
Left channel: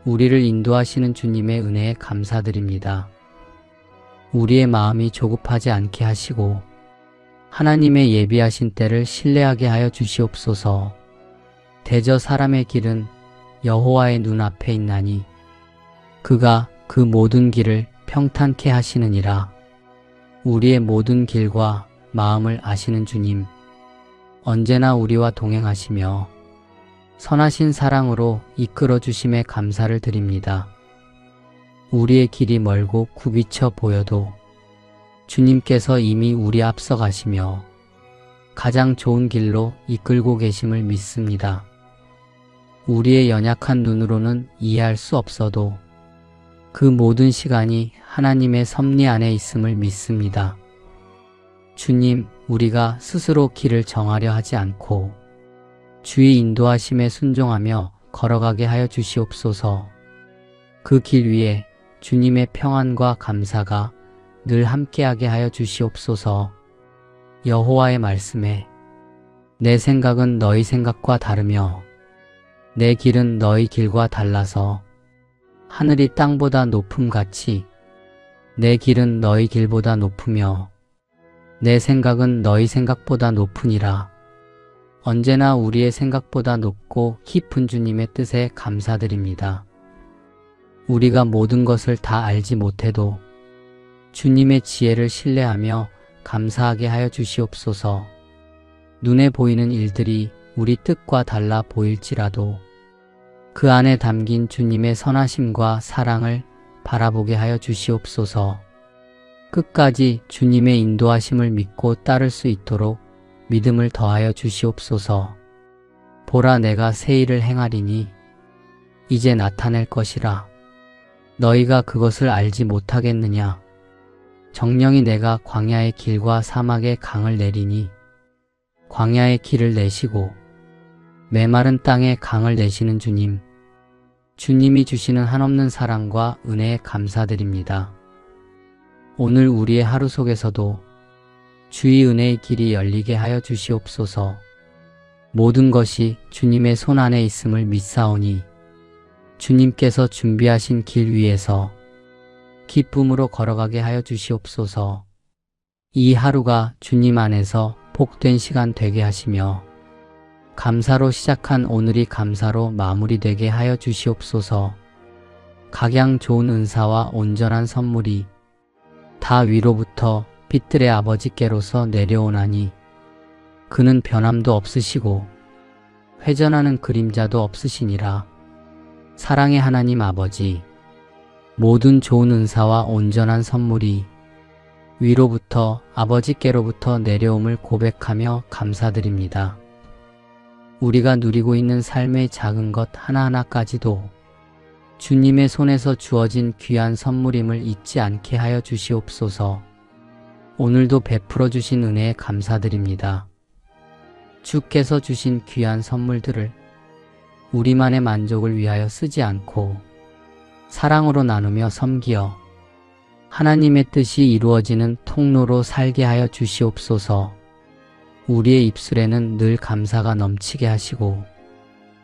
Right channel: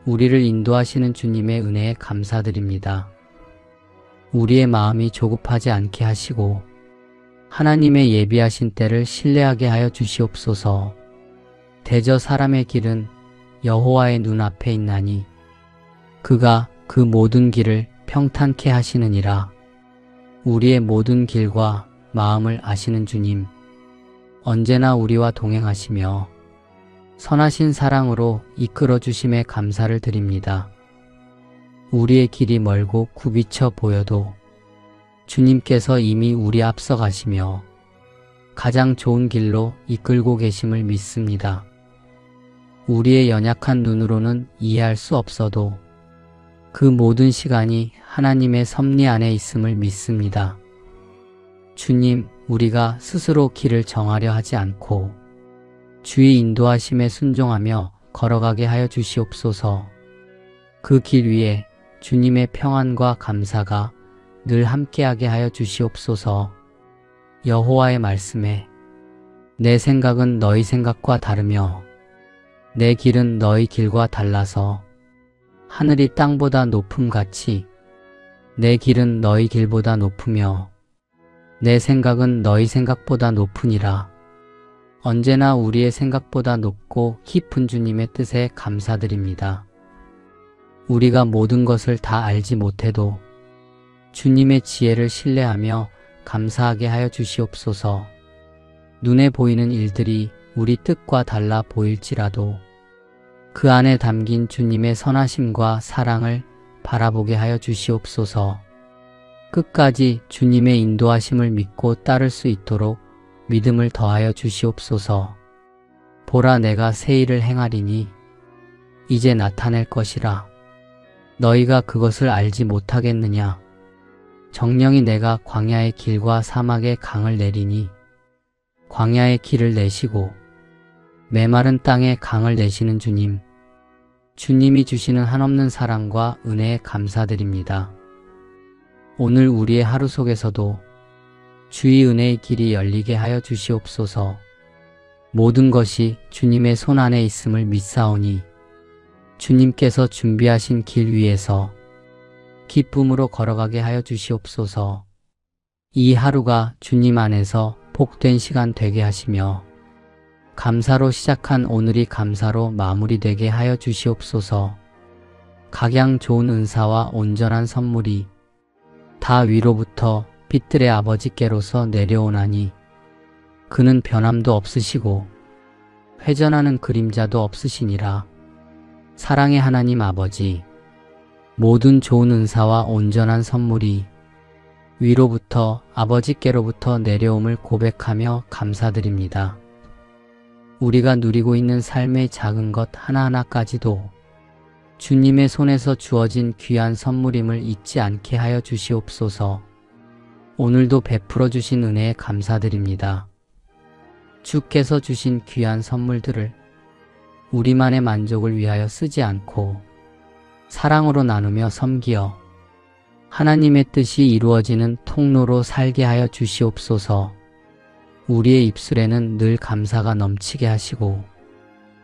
우리를 인도하시는 주님의 은혜에 감사드립니다. 우리의 마음이 조급하지 않게 하시고 하나님의 예비하신 때를 신뢰하게 하여 주시옵소서. 대저 사람의 길은 여호와의 눈앞에 있나니 그가 그 모든 길을 평탄케 하시느니라. 우리의 모든 길과 마음을 아시는 주님, 언제나 우리와 동행하시며 선하신 사랑으로 이끌어 주심에 감사를 드립니다. 우리의 길이 멀고 굽이쳐 보여도 주님께서 이미 우리 앞서 가시며 가장 좋은 길로 이끌고 계심을 믿습니다. 우리의 연약한 눈으로는 이해할 수 없어도 그 모든 시간이 하나님의 섭리 안에 있음을 믿습니다. 주님, 우리가 스스로 길을 정하려 하지 않고 주의 인도하심에 순종하며 걸어가게 하여 주시옵소서. 그 길 위에 주님의 평안과 감사가 늘 함께하게 하여 주시옵소서. 여호와의 말씀에 내 생각은 너희 생각과 다르며 내 길은 너희 길과 달라서 하늘이 땅보다 높음같이 내 길은 너희 길보다 높으며 내 생각은 너희 생각보다 높으니라. 언제나 우리의 생각보다 높고 깊은 주님의 뜻에 감사드립니다. 우리가 모든 것을 다 알지 못해도 주님의 지혜를 신뢰하며 감사하게 하여 주시옵소서. 눈에 보이는 일들이 우리 뜻과 달라 보일지라도 그 안에 담긴 주님의 선하심과 사랑을 바라보게 하여 주시옵소서. 끝까지 주님의 인도하심을 믿고 따를 수 있도록 믿음을 더하여 주시옵소서. 보라, 내가 새 일을 행하리니 이제 나타낼 것이라. 너희가 그것을 알지 못하겠느냐. 정령이 내가 광야의 길과 사막의 강을 내리니 광야의 길을 내시고 메마른 땅에 강을 내시는 주님, 주님이 주시는 한없는 사랑과 은혜에 감사드립니다. 오늘 우리의 하루 속에서도 주의 은혜의 길이 열리게 하여 주시옵소서. 모든 것이 주님의 손 안에 있음을 믿사오니 주님께서 준비하신 길 위에서 기쁨으로 걸어가게 하여 주시옵소서. 이 하루가 주님 안에서 복된 시간 되게 하시며 감사로 시작한 오늘이 감사로 마무리되게 하여 주시옵소서. 각양 좋은 은사와 온전한 선물이 다 위로부터 빛들의 아버지께로서 내려오나니 그는 변함도 없으시고 회전하는 그림자도 없으시니라. 사랑의 하나님 아버지, 모든 좋은 은사와 온전한 선물이 위로부터 아버지께로부터 내려옴을 고백하며 감사드립니다. 우리가 누리고 있는 삶의 작은 것 하나하나까지도 주님의 손에서 주어진 귀한 선물임을 잊지 않게 하여 주시옵소서. 오늘도 베풀어 주신 은혜에 감사드립니다. 주께서 주신 귀한 선물들을 우리만의 만족을 위하여 쓰지 않고 사랑으로 나누며 섬기어 하나님의 뜻이 이루어지는 통로로 살게 하여 주시옵소서. 우리의 입술에는 늘 감사가 넘치게 하시고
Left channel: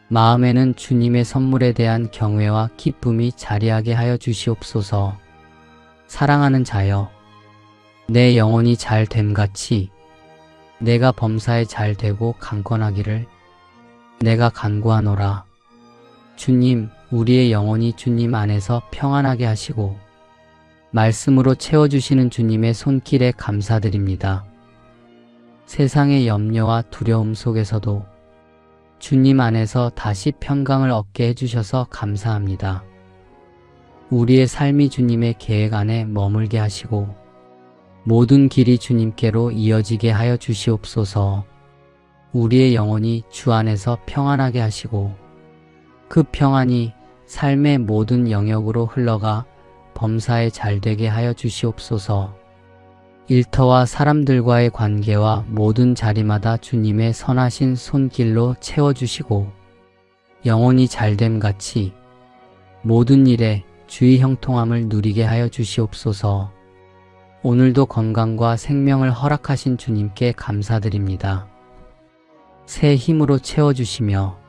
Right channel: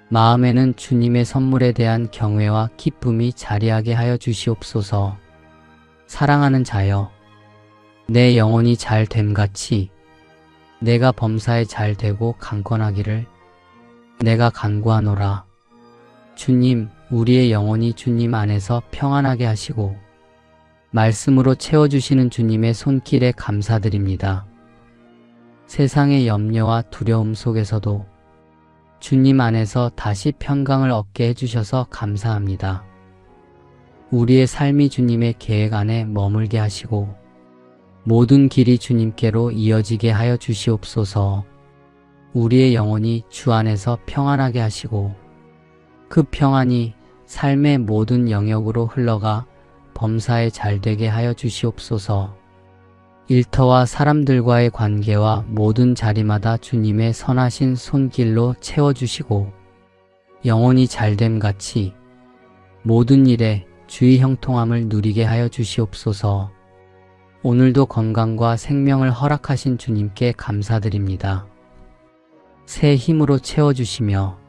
마음에는 주님의 선물에 대한 경외와 기쁨이 자리하게 하여 주시옵소서. 사랑하는 자여, 내 영혼이 잘 됨같이 내가 범사에 잘 되고 강건하기를 내가 간구하노라. 주님, 우리의 영혼이 주님 안에서 평안하게 하시고 말씀으로 채워주시는 주님의 손길에 감사드립니다. 세상의 염려와 두려움 속에서도 주님 안에서 다시 평강을 얻게 해주셔서 감사합니다. 우리의 삶이 주님의 계획 안에 머물게 하시고 모든 길이 주님께로 이어지게 하여 주시옵소서. 우리의 영혼이 주 안에서 평안하게 하시고 그 평안이 삶의 모든 영역으로 흘러가 범사에 잘되게 하여 주시옵소서. 일터와 사람들과의 관계와 모든 자리마다 주님의 선하신 손길로 채워주시고 영혼이 잘됨같이 모든 일에 주의 형통함을 누리게 하여 주시옵소서. 오늘도 건강과 생명을 허락하신 주님께 감사드립니다. 새 힘으로 채워주시며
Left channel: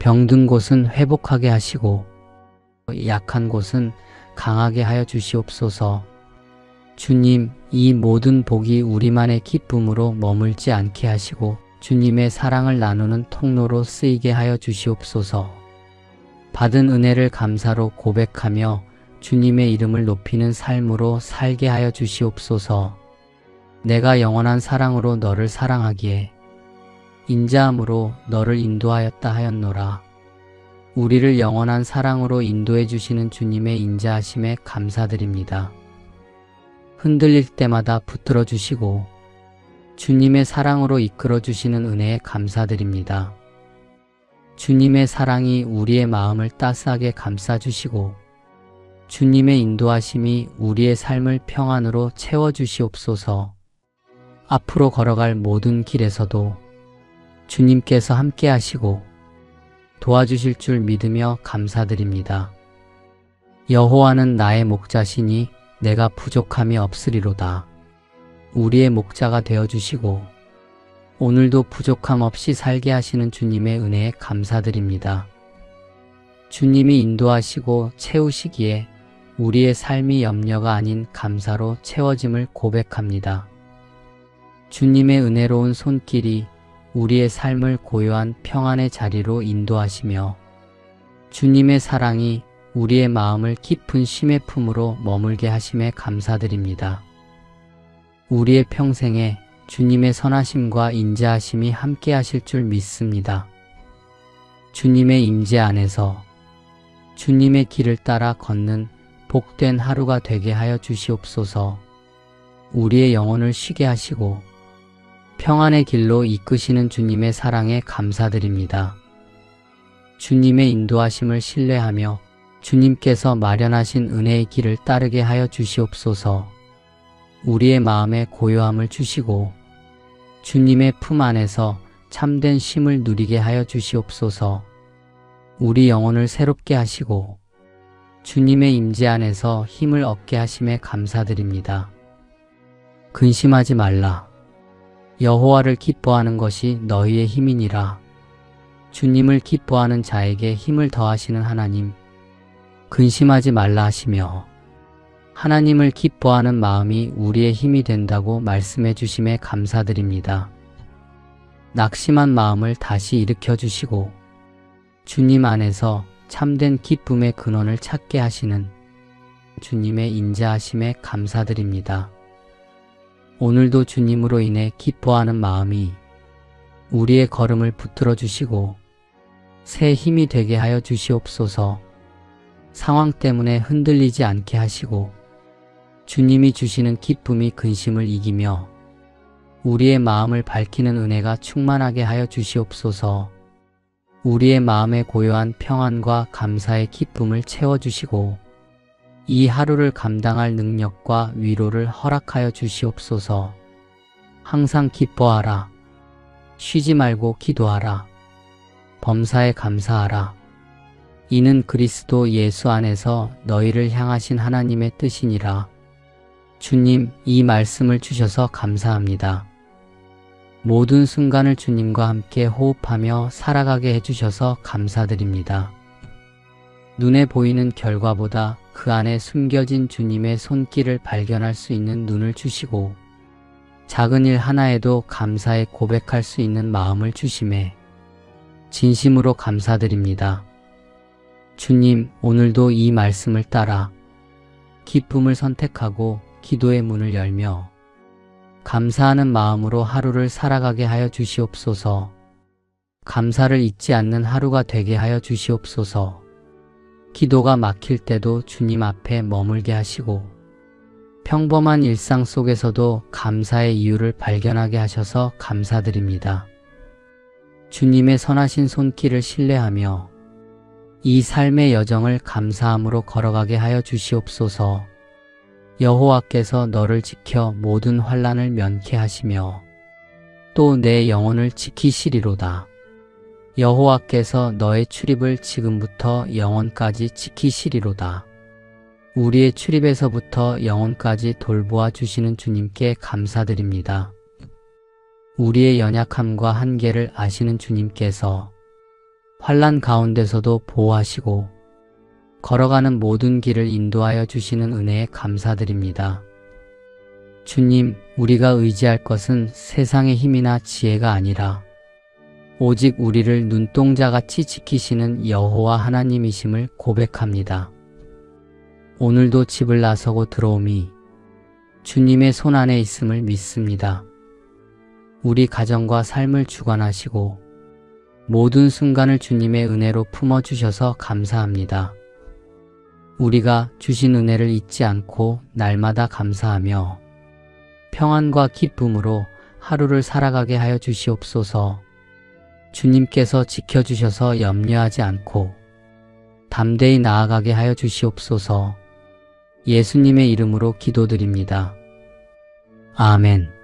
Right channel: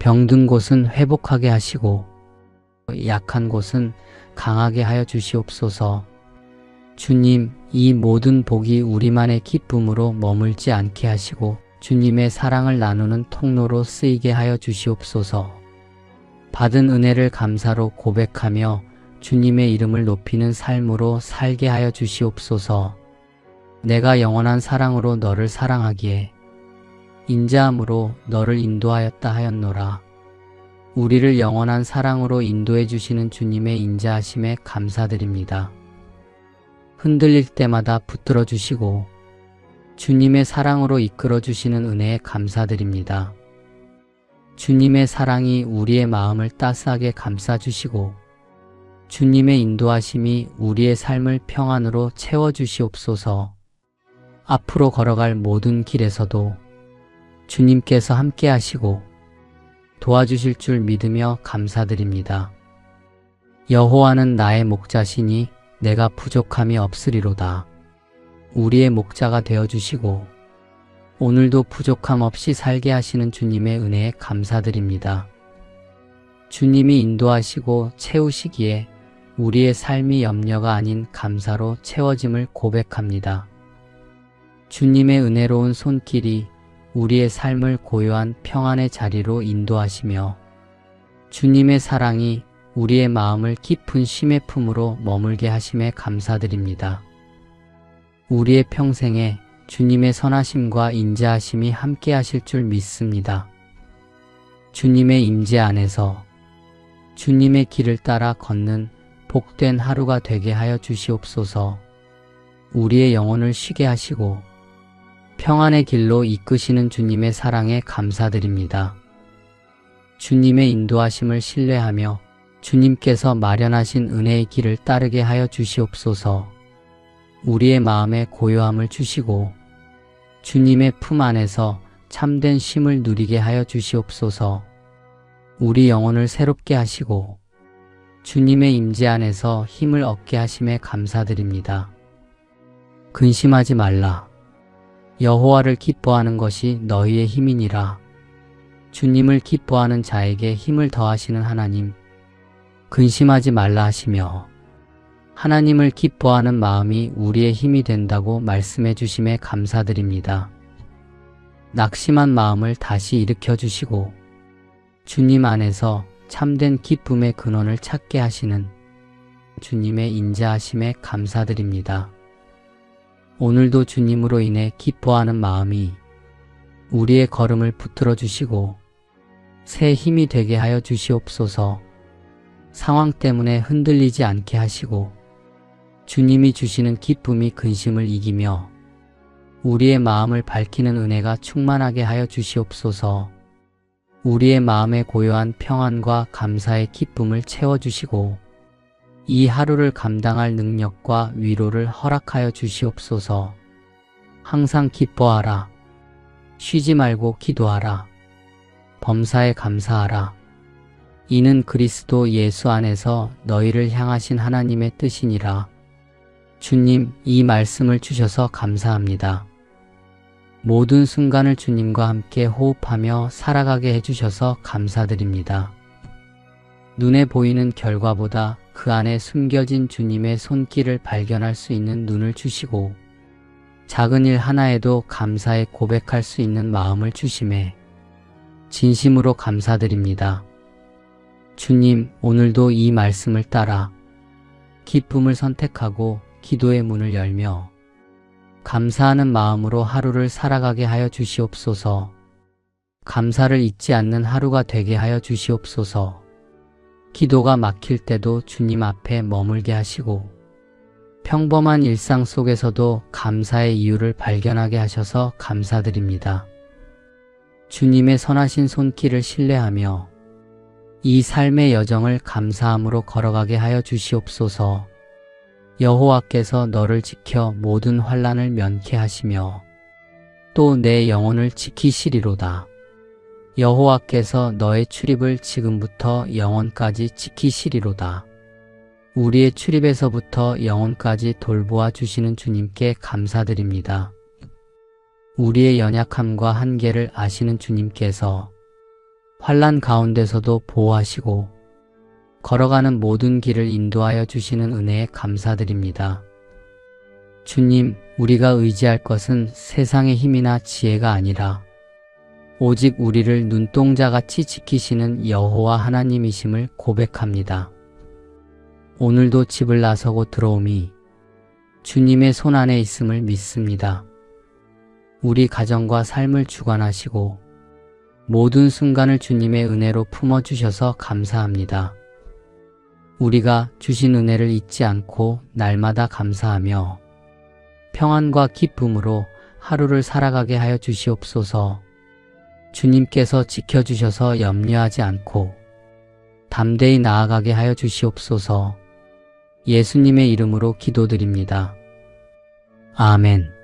병든 곳은 회복하게 하시고 약한 곳은 강하게 하여 주시옵소서. 주님, 이 모든 복이 우리만의 기쁨으로 머물지 않게 하시고 주님의 사랑을 나누는 통로로 쓰이게 하여 주시옵소서. 받은 은혜를 감사로 고백하며 주님의 이름을 높이는 삶으로 살게 하여 주시옵소서. 내가 영원한 사랑으로 너를 사랑하기에 인자함으로 너를 인도하였다 하였노라. 우리를 영원한 사랑으로 인도해 주시는 주님의 인자하심에 감사드립니다. 흔들릴 때마다 붙들어 주시고 주님의 사랑으로 이끌어 주시는 은혜에 감사드립니다. 주님의 사랑이 우리의 마음을 따스하게 감싸 주시고 주님의 인도하심이 우리의 삶을 평안으로 채워주시옵소서. 앞으로 걸어갈 모든 길에서도 주님께서 함께 하시고 도와주실 줄 믿으며 감사드립니다. 여호와는 나의 목자시니 내가 부족함이 없으리로다. 우리의 목자가 되어주시고 오늘도 부족함 없이 살게 하시는 주님의 은혜에 감사드립니다. 주님이 인도하시고 채우시기에 우리의 삶이 염려가 아닌 감사로 채워짐을 고백합니다. 주님의 은혜로운 손길이 우리의 삶을 고요한 평안의 자리로 인도하시며 주님의 사랑이 우리의 마음을 깊은 쉼의 품으로 머물게 하심에 감사드립니다. 우리의 평생에 주님의 선하심과 인자하심이 함께 하실 줄 믿습니다. 주님의 임재 안에서 주님의 길을 따라 걷는 복된 하루가 되게 하여 주시옵소서. 우리의 영혼을 쉬게 하시고 평안의 길로 이끄시는 주님의 사랑에 감사드립니다. 주님의 인도하심을 신뢰하며 주님께서 마련하신 은혜의 길을 따르게 하여 주시옵소서. 우리의 마음에 고요함을 주시고 주님의 품 안에서 참된 쉼을 누리게 하여 주시옵소서. 우리 영혼을 새롭게 하시고 주님의 임재 안에서 힘을 얻게 하심에 감사드립니다. 근심하지 말라. 여호와를 기뻐하는 것이 너희의 힘이니라. 주님을 기뻐하는 자에게 힘을 더하시는 하나님, 근심하지 말라 하시며 하나님을 기뻐하는 마음이 우리의 힘이 된다고 말씀해 주심에 감사드립니다. 낙심한 마음을 다시 일으켜 주시고 주님 안에서 참된 기쁨의 근원을 찾게 하시는 주님의 인자하심에 감사드립니다. 오늘도 주님으로 인해 기뻐하는 마음이 우리의 걸음을 붙들어 주시고 새 힘이 되게 하여 주시옵소서. 상황 때문에 흔들리지 않게 하시고 주님이 주시는 기쁨이 근심을 이기며 우리의 마음을 밝히는 은혜가 충만하게 하여 주시옵소서. 우리의 마음에 고요한 평안과 감사의 기쁨을 채워주시고 이 하루를 감당할 능력과 위로를 허락하여 주시옵소서. 항상 기뻐하라. 쉬지 말고 기도하라. 범사에 감사하라. 이는 그리스도 예수 안에서 너희를 향하신 하나님의 뜻이니라. 주님, 이 말씀을 주셔서 감사합니다. 모든 순간을 주님과 함께 호흡하며 살아가게 해주셔서 감사드립니다. 눈에 보이는 결과보다 그 안에 숨겨진 주님의 손길을 발견할 수 있는 눈을 주시고 작은 일 하나에도 감사에 고백할 수 있는 마음을 주심에 진심으로 감사드립니다. 주님, 오늘도 이 말씀을 따라 기쁨을 선택하고 기도의 문을 열며 감사하는 마음으로 하루를 살아가게 하여 주시옵소서. 감사를 잊지 않는 하루가 되게 하여 주시옵소서. 기도가 막힐 때도 주님 앞에 머물게 하시고 평범한 일상 속에서도 감사의 이유를 발견하게 하셔서 감사드립니다. 주님의 선하신 손길을 신뢰하며 이 삶의 여정을 감사함으로 걸어가게 하여 주시옵소서. 여호와께서 너를 지켜 모든 환난을 면케 하시며 또 내 영혼을 지키시리로다. 여호와께서 너의 출입을 지금부터 영혼까지 지키시리로다. 우리의 출입에서부터 영혼까지 돌보아 주시는 주님께 감사드립니다. 우리의 연약함과 한계를 아시는 주님께서 환난 가운데서도 보호하시고 걸어가는 모든 길을 인도하여 주시는 은혜에 감사드립니다. 주님, 우리가 의지할 것은 세상의 힘이나 지혜가 아니라 오직 우리를 눈동자같이 지키시는 여호와 하나님이심을 고백합니다. 오늘도 집을 나서고 들어오미 주님의 손 안에 있음을 믿습니다. 우리 가정과 삶을 주관하시고 모든 순간을 주님의 은혜로 품어주셔서 감사합니다. 우리가 주신 은혜를 잊지 않고 날마다 감사하며 평안과 기쁨으로 하루를 살아가게 하여 주시옵소서. 주님께서 지켜주셔서 염려하지 않고 담대히 나아가게 하여 주시옵소서. 예수님의 이름으로 기도드립니다. 아멘.